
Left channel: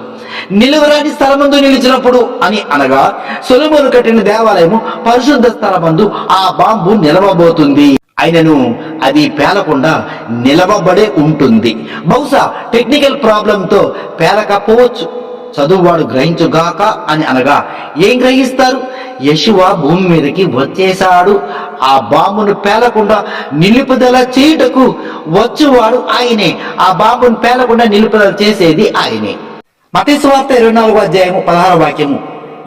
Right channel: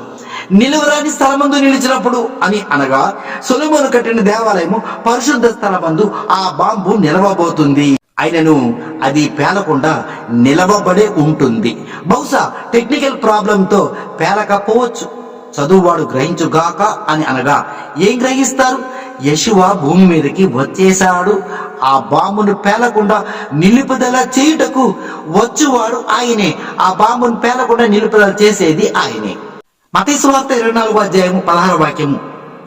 నిలువరాని స్థలమందు నిలిచినప్పుడు అని అనగా సొలొమోను కట్టిన దేవాలయము పరిశుద్ధ స్థలమందు ఆ బాంబు నిలవబోతుంది. అయినను అది పేలకుండా నిలవబడే ఉంటుంది. బహుశా టెక్నికల్ ప్రాబ్లంతో పేలకపోవచ్చు. చదువువాడు గ్రహించుగాక అని అనగా ఏం గ్రహిస్తారు? యెషూవ భూమి మీదకి వచ్చేశాడు. ఆ బాంబును పేలకుండా నిలుపుదల చేయుటకు వచ్చువాడు ఆయనే. ఆ బాంబును పేలకుండా నిలుపుదల చేసేది ఆయనే. మత్తయి సువార్త 24:16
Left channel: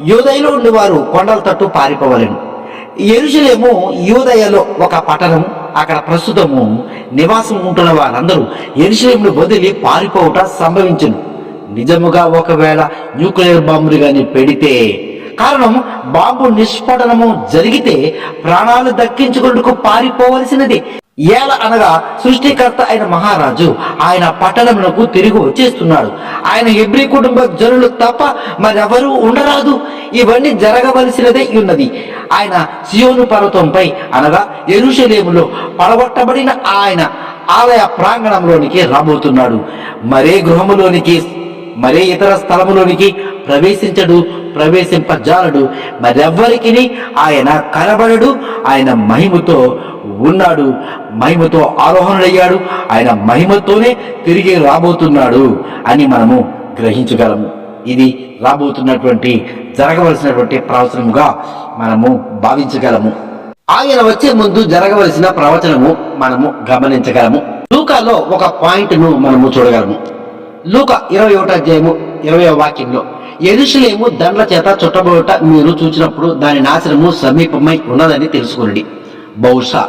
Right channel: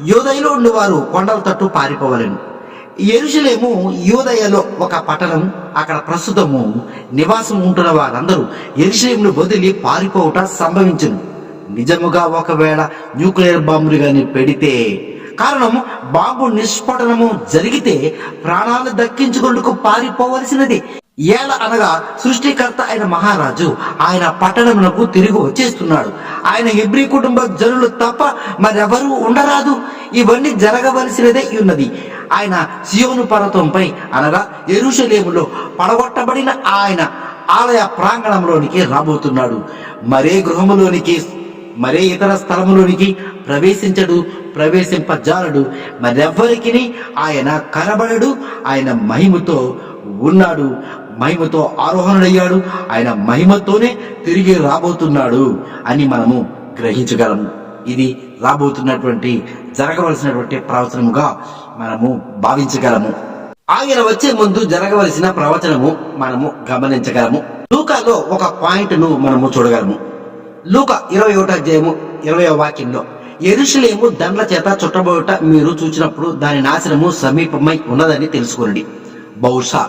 యూదయలో ఉండేవారు కొండల తట్టు పారిపోవలెను. యెరూషలేము యూదయలో ఒక పట్టణము. అక్కడ ప్రస్తుతము నివాసం ఉంటున్న వారందరూ యెరూషలేమును వదిలి పారిపోవట సంభవించును. నిజముగా ఒకవేళ న్యూక్లియర్ బాంబులు గాని పెడితే, కారణం బాంబు నిష్పటనము జరిగితే ప్రాణాలు దక్కించుకుంటూ పారిపోవలసినది. అనగా సృష్టికర్త అయిన మహారాజు ఆయన పట్టణమునకు తిరిగి వచ్చేస్తున్నాడు. ఆయన హెబ్రీ కుటుంబ జనులు తప్ప మరెవరూ ఉండరాదు. ఇవన్నీ జరగవలసినదే ఉన్నది. ఆయన సియోను పర్వతంపై అనగా యెరూషలేములో పడగొట్టబడిన ఆయన ఆలయ ప్రాంగణంలోనికి రాబోతున్నాడు. మరే గృహములోనికి మరే ఇతర స్థలములోనికి ప్రవేశించడు, ప్రవేశింపజాలడు. మరెవ్వరికి ఆయన కనబడడు. ఆయన మహిమతో ఉన్నాడు, మహిమతో ఆరోహణుడయ్యాడు. ఆయన మహిమతోనే తిరిగి రాబోతున్నాడు అని మనము గ్రహించగలము. ఇది రాబోతున్నటువంటి జరగవలసినటువంటి ప్రవచనముగా మనము భావించగలము. ఆయన వచ్చే ముందు జరగవలసిన ప్రవచనము మనము గమనించగలము. లూకాలో ఒక పాయింట్ను మనము చూడగలము. లూకా 21:20 యెరూషలేము దండ్ల చేత చుట్టబోట మీరు చూచినప్పుడు దాని నాశనము సమీపమై ఉన్నదని తెలుసుకునండి. బహుశా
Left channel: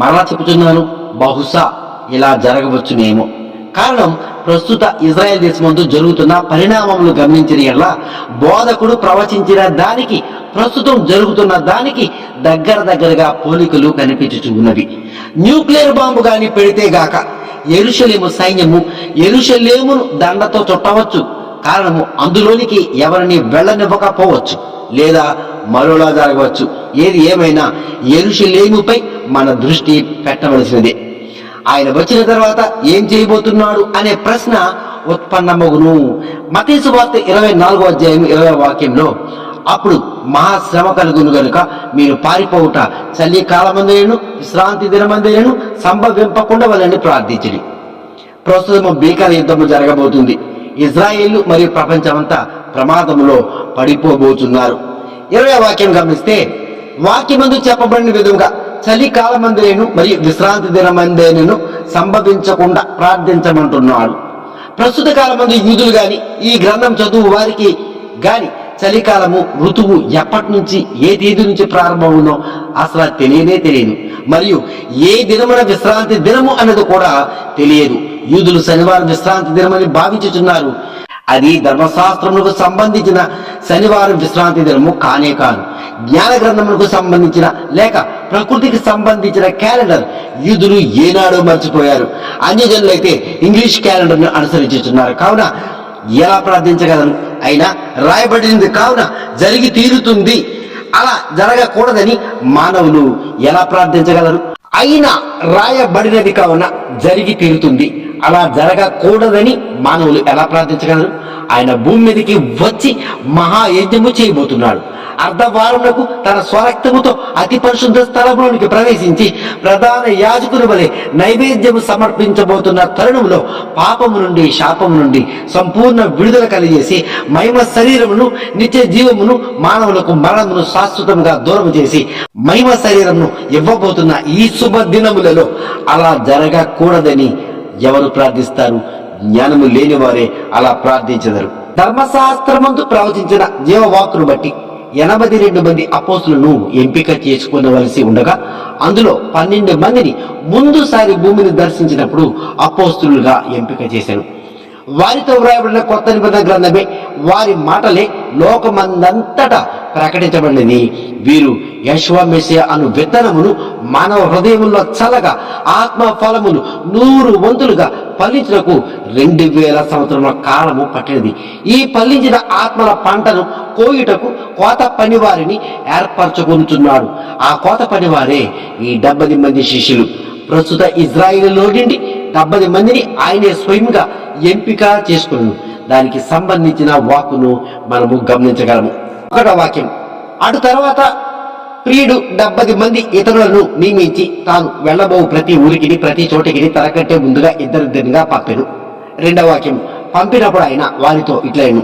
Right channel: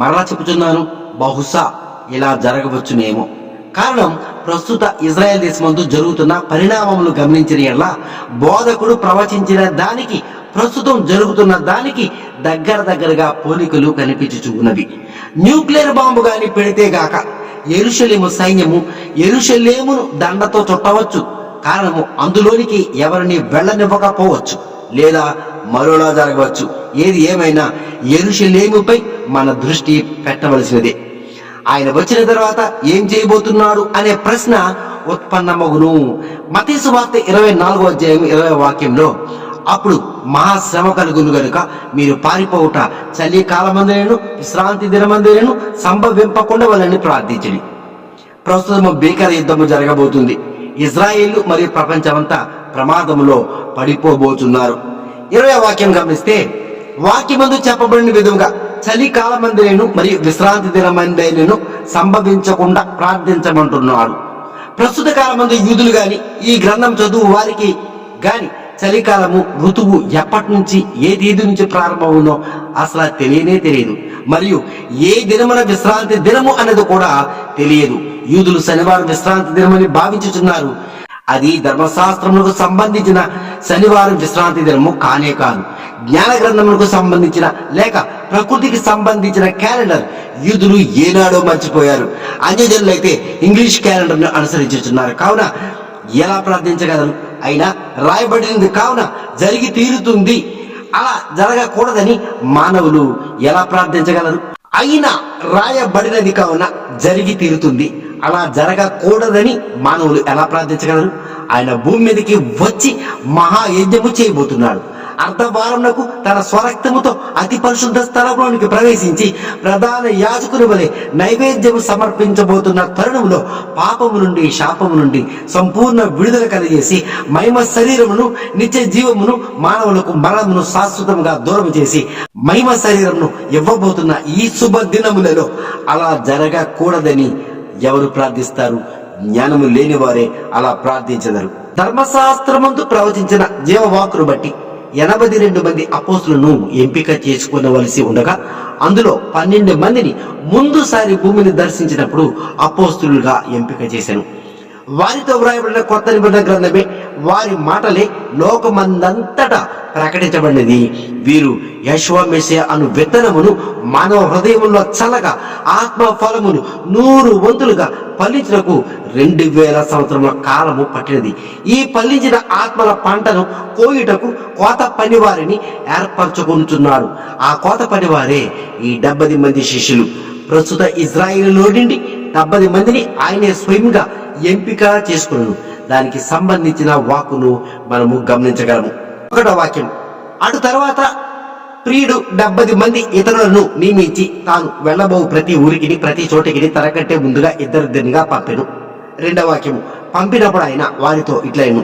మరలా చెప్పుచున్నాను, బహుశా ఇలా జరగవచ్చునేమో. కారణం ప్రస్తుత ఇజ్రాయెల్ దేశమందు జరుగుతున్న పరిణామములు గమనించిన ఎడల బోధకుడు ప్రవచించిన దానికి ప్రస్తుతం జరుగుతున్న దానికి దగ్గరగా పోలికలు కనిపించుచూ ఉన్నవి. న్యూక్లియర్ బాంబు గాని పెడితే గాక యెరూషలేము సైన్యము యెరూషలేమును దండతో చుట్టవచ్చు. కారణము అందులోనికి ఎవరిని వెళ్ళనివ్వకపోవచ్చు, లేదా మరోలా జరగవచ్చు. ఏది ఏమైనా యెరూషలేముపై మన దృష్టి పెట్టవలసినదే. ఆయన వచ్చిన తర్వాత ఏం చేయబోతున్నాడు అనే ప్రశ్న ఉత్పన్నమగును. మత్తయి సువార్త 24వ అధ్యాయం 20వ వాక్యంలో, అప్పుడు మహాశ్రమ కలుగును గనుక మీరు పారిపోవుట చలికాలమందైనను విశ్రాంతి దినమందైనను సంభవింపకుండా వాళ్ళని ప్రార్థించండి. ప్రస్తుతం భీకర యుద్ధము జరగబోతుంది. ఇజ్రాయేలు మరియు ప్రపంచమంతా ప్రమాదములో పడిపోబోతున్నారు. 20వ వాక్యం గమనిస్తే, వాక్యమందు చెప్పబడిన విధంగా చలికాలమందైనను మరియు విశ్రాంతి దినమందైనను సంభవించకుండా ప్రార్థించమంటున్నాడు. ప్రస్తుత కాలమందు యూదులు గాని ఈ గ్రంథం చదువు వారికి గాని చలికాలము ఋతువు ఎప్పటి నుంచి ఏ తేదీ నుంచి ప్రారంభమవునో అసలు తెలియదు. మరియు ఏ దినమున విశ్రాంతి దినము అన్నది కూడా తెలియదు. యూదులు శనివారం విశ్రాంతి దినమని భావించుచున్నారు. అది ధర్మశాస్త్రములకు సంబంధించిన శనివారం విశ్రాంతి దినము కానే కాదు. జ్ఞాన గ్రంథములకు సంబంధించిన లేక ప్రకృతికి సంబంధించిన క్యాలెండర్ యూదులు ఏనాడో మర్చిపోయారు. అన్యజనులైతే ఇంగ్లీష్ క్యాలెండర్ను అనుసరించుతున్నారు. కావున ఎలా ప్రార్థించగలరు? అయినా రాయబడింది కావున జరిగి తీరుతుంది. అలా జరగకూడదని మానవులు ఎలా ప్రార్థించగలరు? అయినా రాయబడినది కావున జరిగి తీరుతుంది. అలా జరగకూడదని మానవులు ఎలా ప్రార్థించగలరు? ఆయన భూమి మీదకి వచ్చి మహాయజ్ఞము చేయబోతున్నాడు. అర్ధవారమునకు తన స్వరక్తముతో అతి పరిశుద్ధ స్థలంలోనికి ప్రవేశించి ప్రధాన యాజకుని వలె నైవేద్యము సమర్పించబోతున్న తరుణంలో పాపము నుండి శాపము నుండి సంపూర్ణ విడుదల కలిగేసి మహిమ శరీరమును నిత్య జీవమును మానవులకు మరణమును శాశ్వతంగా దూరం చేసి మహిమ శరీరమును ఇవ్వబోతున్న ఈ శుభ దినములలో అలా జరగకూడదని ఎవరు ప్రార్థిస్తారు? జ్ఞానము లేని వారే అలా ప్రార్థించెదరు. ధర్మశాస్త్రమందు ప్రవచించిన జీవవాక్కును బట్టి 82 మంది అపోస్తులను ఎంపిక చేసుకునవలసి ఉండగా అందులో 12 మందిని ముందుసారి భూమిని దర్శించినప్పుడు అపోస్తులుగా ఎంపిక చేశాను. వారితో వ్రాయబడిన కొత్త నిబంధన గ్రంథమే వారి మాటలే లోకమందంతటా ప్రకటించబడినది. వీరు యెషువా మెస్సియా అను విత్తనమును మానవ హృదయములో చల్లగా ఆత్మ ఫలమును 100 వంతులుగా ఫలించుటకు 2000 సంవత్సరముల కాలము పట్టినది. ఈ ఫలించిన ఆత్మల పంటను కోయుటకు కోత పనివారిని ఏర్పరచుకొనుచున్నాడు. ఆ కోత పనివారే ఈ 70 మంది శిష్యులు. ప్రస్తుత ఇజ్రాయేలులో నుండి 70 మందిని ఆయనే స్వయంగా ఎంపిక చేసుకున్నాను. దానికి సంబంధించిన వాక్కును మనము గమనించగలము. 1వ వాక్యం, అటు తర్వాత ప్రియుడు 70 మంది ఇతరులను నియమించి తాను వెళ్ళబో ప్రతి ఊరికి ప్రతి చోటికి తనకంటే ముందుగా ఇద్దరిద్దరిగా పంపెను. 2వ వాక్యం, పంపినప్పుడు ఆయన వారితో ఇట్లైను,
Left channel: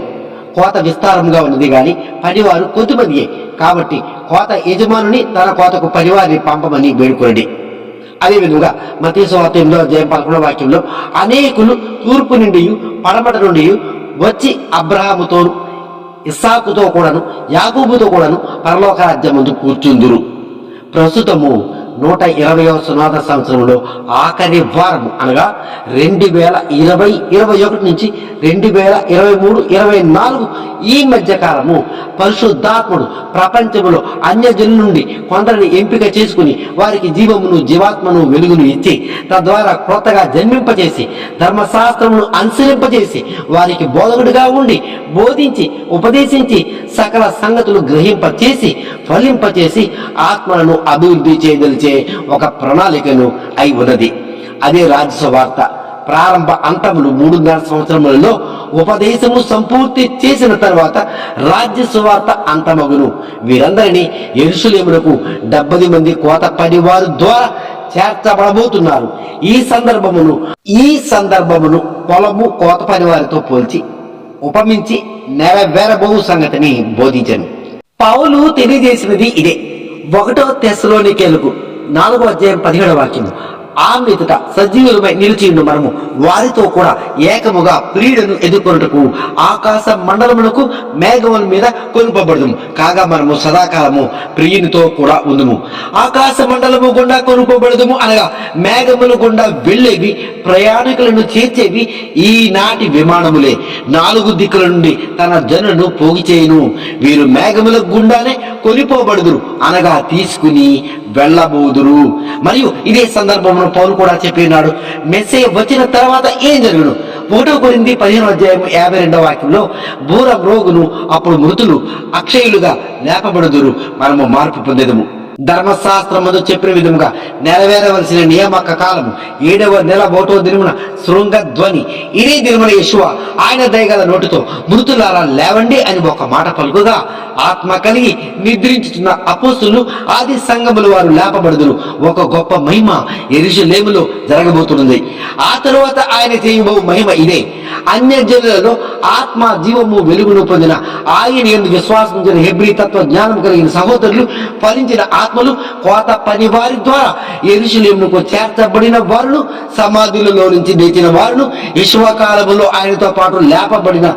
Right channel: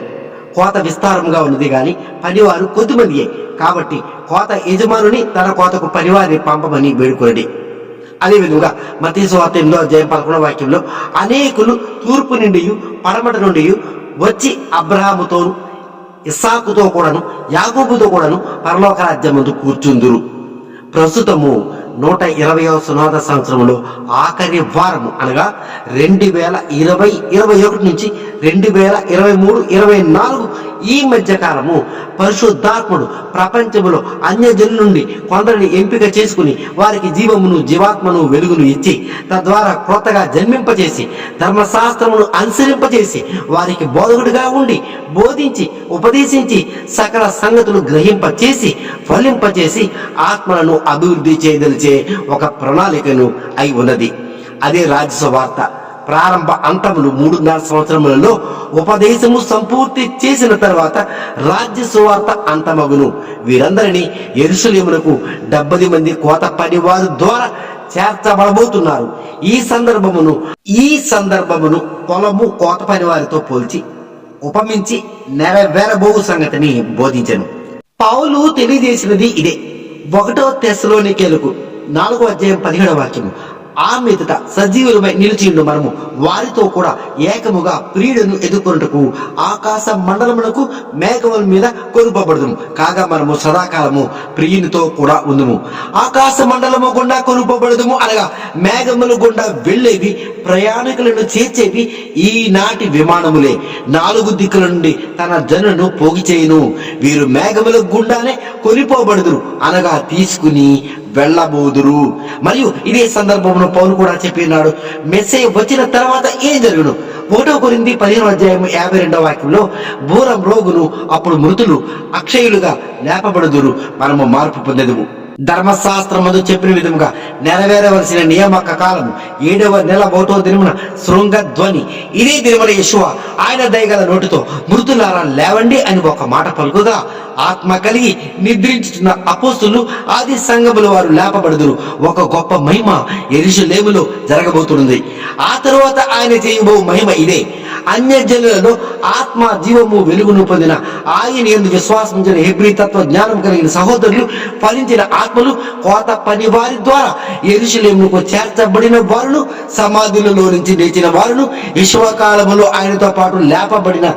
కోత విస్తారంగా ఉన్నది గాని పనివారు కొద్దిమందియే, కాబట్టి కోత యజమానుని తన కోతకు పనివారిని పంపమని వేడుకొనడి. అదేవిధంగా మత్తయి సువార్త 8వ అధ్యాయం 11వ వాక్యంలో, అనేకులు తూర్పు నుండి పడమట నుండి వచ్చి అబ్రహాముతోను ఇస్సాకుతో కూడాను యాకోబుతో కూడాను పరలోక రాజ్యం ముందు కూర్చుందురు. ప్రస్తుతము 120వ సునాద సంవత్సరంలో ఆఖరి వారము అనగా 2020-21 నుంచి 2023-24 ఈ మధ్య కాలము పరిశుద్ధాత్ముడు ప్రపంచములో అన్యజనుల నుండి కొందరిని ఎంపిక చేసుకుని వారికి జీవమును జీవాత్మను వెలుగును ఇచ్చి తద్వారా క్రొత్తగా జన్మింపచేసి ధర్మశాస్త్రమును అనుసరింపచేసి వారికి బోధకుడిగా ఉండి బోధించి ఉపదేశించి సకల సంగతులు గ్రహింపచేసి ఫలింపచేసి ఆత్మలను అభివృద్ధి చేయదలిచే ఒక ప్రణాళికను అయి ఉన్నది. అదే రాజ్య సువార్త. ప్రారంభ అంతములు 3.5 సంవత్సరములలో ఉపదేశము సంపూర్తి చేసిన తర్వాత రాజ్య సువార్త అంతమగును. వీరందరినీ యెరూషలేమునకు 70 మంది కోత పనివారు ద్వారా చేర్చబడబోతున్నారు. ఈ సందర్భమును పొలము కోత పనివారితో పోల్చి ఉపమించి నెరవేరబో సంగతిని బోధించను. పౌలు తెలియజేసినది ఇదే. 1వ తెస్సలోనికేయులకు 4వ అధ్యాయం 17వ వాక్యము, ఆ మీదట సజీవులమై నిలిచిండు మనము వారితో కూడా ఏకముగా ప్రియుడను ఎదుర్కొనుటకు ఆకాశ మండలమునకు మేఘముల మీద కొనుపబడదుము. కాగా మనము సదాకాలము ప్రియునితో కూడా ఉందుము. ఆకాశ మండలము గుండా కొనుపబడదుము అనగా మేఘముల గుండా వెళ్ళేవి, ప్రయాణికులను చేర్చేవి ఈనాటి విమానములే. 4 దిక్కుల నుండి తన జనులను పోగు చేయును. వీరు మేఘముల గుండానే కొనిపోబడుదురు అనగా తీసుకుని వెళ్ళబోదురు. మరియు ఇదే సందర్భంలో పౌలు కూడా చెప్పినాడు, మెస్సే వచ్చిన తర్వాత ఏం జరుగును? 1 కొరింథీ 15:52 వాక్యంలో బూర మ్రోగును, అప్పుడు మృతులు అక్షయులుగా లేపబడుదురు, మనము మార్పు పొందెదము. ధర్మశాస్త్రమందు చెప్పిన విధముగా నెరవేరవలసిన నియామక కాలము 7వ నెల 1వ దినమున శృంగ ధ్వని. ఇదే దినమున యేషువ ఆయన దయగల నోటితో మృతులారా లేవండి అని ఒక మాట పలుకుగా ఆత్మ కలిగి నిద్రించుతున్న అపోస్తులు ఆది సంఘముల వారు లేపబడుదురు. ఒక గొప్ప మహిమ యెరూషలేములో జరగబోతున్నది. ఆ తరువాత ఆయన చేయబో మహిమ ఇదే: అన్యజనులలో ఆత్మ జీవము వెలుగును పొందిన ఆయన యందు విశ్వాసించిన హెబ్రీ తత్వ జ్ఞానం కలిగిన సహోదరులు, ఫలించిన ఆత్మలు, కోత పని వారి ద్వారా యెరూషలేమునకు చేర్చబడిన వారును, సమాధులలో నుంచి లేచిన వారును, విశ్వకాలములో ఆయనతో పాటు లేపబడిన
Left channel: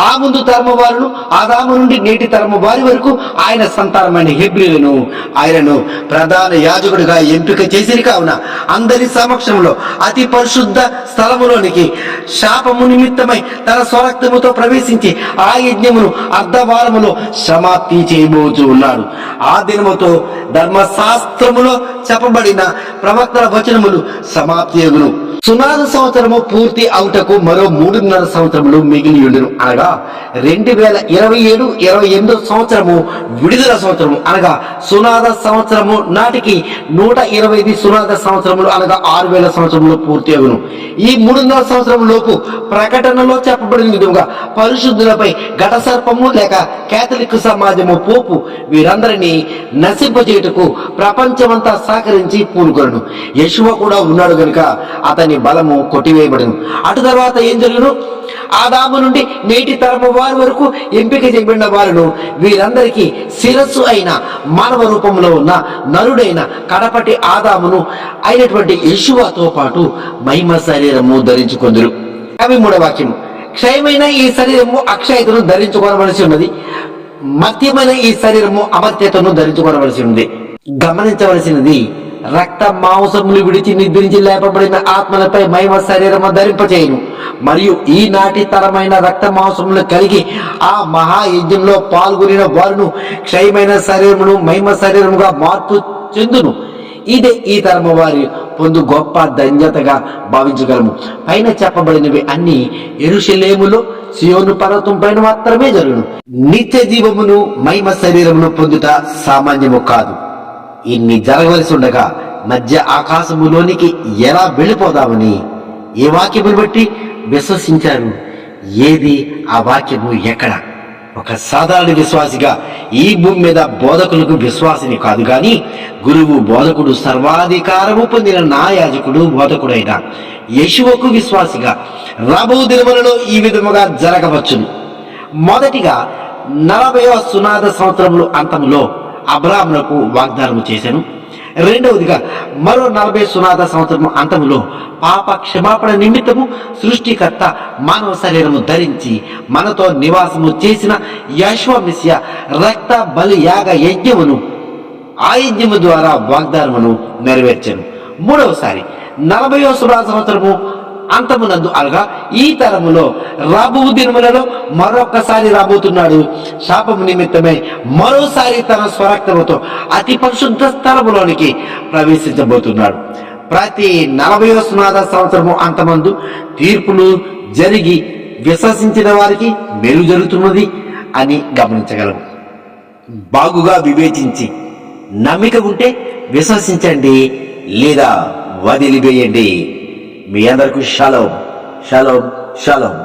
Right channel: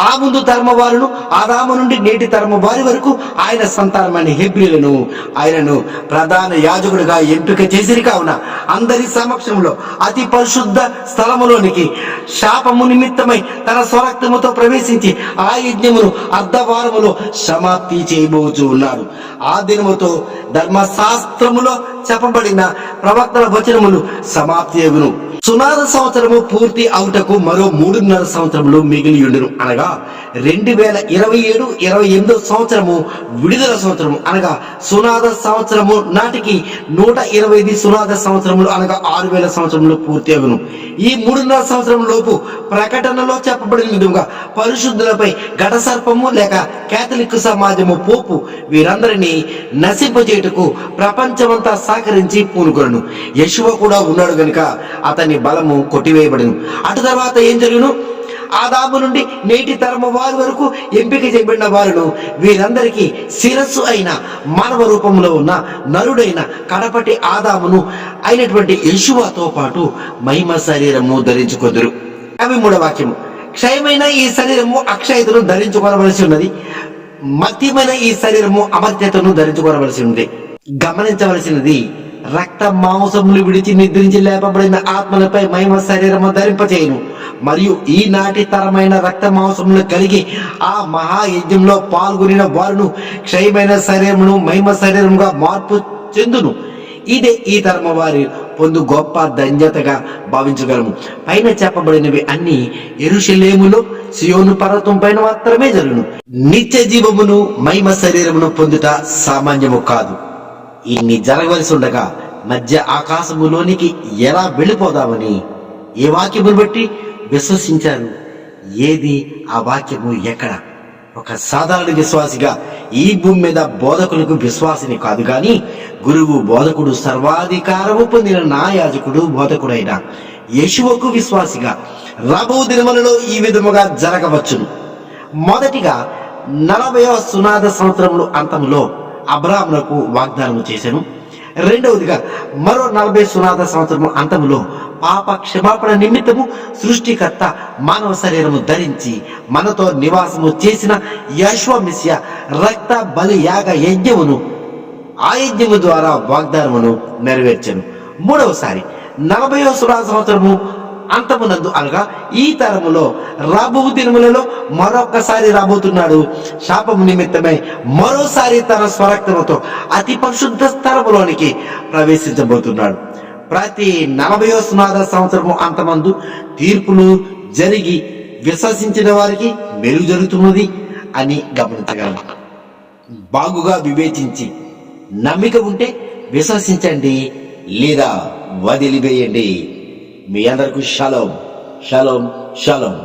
ఆ ముందు తరమ వారును, ఆదాము నుండి నేటి తరమ వారి వరకు ఆయన సంతానమైన హెబ్రీలను ఆయనను ప్రధాన యాజకుడిగా ఎంపిక చేసిరి. కావున అందరి సమక్షంలో అతి పరిశుద్ధ స్థలములోనికి శాపము నిమిత్తమై తన స్వరక్తముతో ప్రవేశించి ఆ యజ్ఞమును అర్ధవారములో సమాప్తి చేయబోచు ఉన్నాడు. ఆ దినముతో ధర్మశాస్త్రములో చెప్పబడిన ప్రవక్తల వచనములు సమాప్తి అగును. సునాద సంవత్సరము పూర్తి అవుటకు మరో 3.5 సంవత్సరములు మిగిలి ఉండును. అనగా 2027-28 సంవత్సరము విడుదల సంవత్సరము, అనగా సునాద సంవత్సరము నాటికి 125 సునాద సంవత్సరములు, అనగా 6000 సంవత్సరములు పూర్తి అగును. ఈ 3.5 సంవత్సరం లోపు ప్రకటనలో చెప్పబడిన విధంగా పరిశుద్ధులపై ఘట సర్పము లేక కేథలిక్ సమాజము పోపు వీరందరినీ నశింపచేయుటకు ప్రపంచమంతా సహకరించి పూనుకొను. యేషువ కూడా ఉన్నాడు గనుక అతని బలము కొట్టివేయబడును. అటు తర్వాత ఏం జరుగును? ఆదాము నుండి నేటి తరము వారి వరకు ఎంపిక చేయబడిన వారును, వీరందరికీ శిరస్సు అయిన మానవ రూపంలో ఉన్న నరుడైన కడపటి ఆదామును అయినటువంటి యేషువతో పాటు మహిమ శరీరము ధరించుకొందురు. 53వ వాక్యము: క్షయమైన ఈ శరీరము అక్షయతను ధరించుకోవలసి ఉన్నది, మధ్యమైన ఈ శరీరము అమర్త్యతను ధరించుకోవలసి ఉంది. గమనించవలసినది, రక్త మాంసములు విడిచి నిద్రించి లేపబడిన ఆత్మలపై మహిమ శరీరము ధరింపచేయును. మరియు ఈనాటి తరమైన రక్త మాంసములు కలిగి ఆ మహాయజ్ఞంలో పాల్గొనిన వారును క్షయమైన శరీరమును మహిమ శరీరముగా మార్పు చెందును. ఇదే ఈ తరమ వారి పొందు గొప్ప ధన్యతగా భావించగలము. పైన చెప్పబడినవి అన్ని యెరూషలేములో సియోను పర్వతం పైన మాత్రమే జరుగును. నిత్య జీవమును మహిమ శరీరమును పొందుట సామాన్యము కాదు. ఇన్ని జరగవలసి ఉండగా మధ్య ఆకాశములోనికి ఎలా వెళ్ళిపోదామని ఏ వాక్యమును బట్టి విశ్వసించారు? ఏది ఆ వాక్యము? ఎక్కడ? ఒక సాధారణ విశ్వాసిగా ఈ భూమి మీద బోధకులకు విశ్వాసిని కాదు గాని గురువు, బోధకుడు, సర్వాధికారము పొందిన నా యాజకుడు, బోధకుడైన యేషువకు విశ్వాసిగా రాబో దినములలో ఈ విధముగా జరగవచ్చును. మొదటిగా 40వ సునాద సంవత్సరములు అంతములో అబ్రాహామునకు వాగ్దానము చేశాను. రెండవదిగా మరో 40 సునాద సంవత్సరము అంతములో పాప క్షమాపణ నిమిత్తము సృష్టికర్త మానవ శరీరము ధరించి మనతో నివాసము చేసిన యెషువ మెస్సియా రక్త బలి యాగ యజ్ఞమును, ఆ యజ్ఞము ద్వారా వాగ్దానమును నెరవేర్చను. మూడవసారి 40వ సునాద సంవత్సరము అంతమునందు, అనగా ఈ తరములో రాబో దినములలో మరొకసారి రాబోతున్నాడు. శాపము నిమిత్తమై మరోసారి తన స్వరక్తముతో అతి పరిశుద్ధ స్థలములోనికి ప్రవేశించబోతున్నాడు. ప్రతి 40వ సునాద సంవత్సరము అంతమందు తీర్పులు జరిగి విశ్వసించిన వారికి మేలు జరుగుతున్నది అని గమనించగలము. బాగుగా వివేచించి నమ్మిక ఉంటే విశ్వసించండి, లేదా వదిలివేయండి. మీ అందరికీ షలోం, షలోం, షలోం.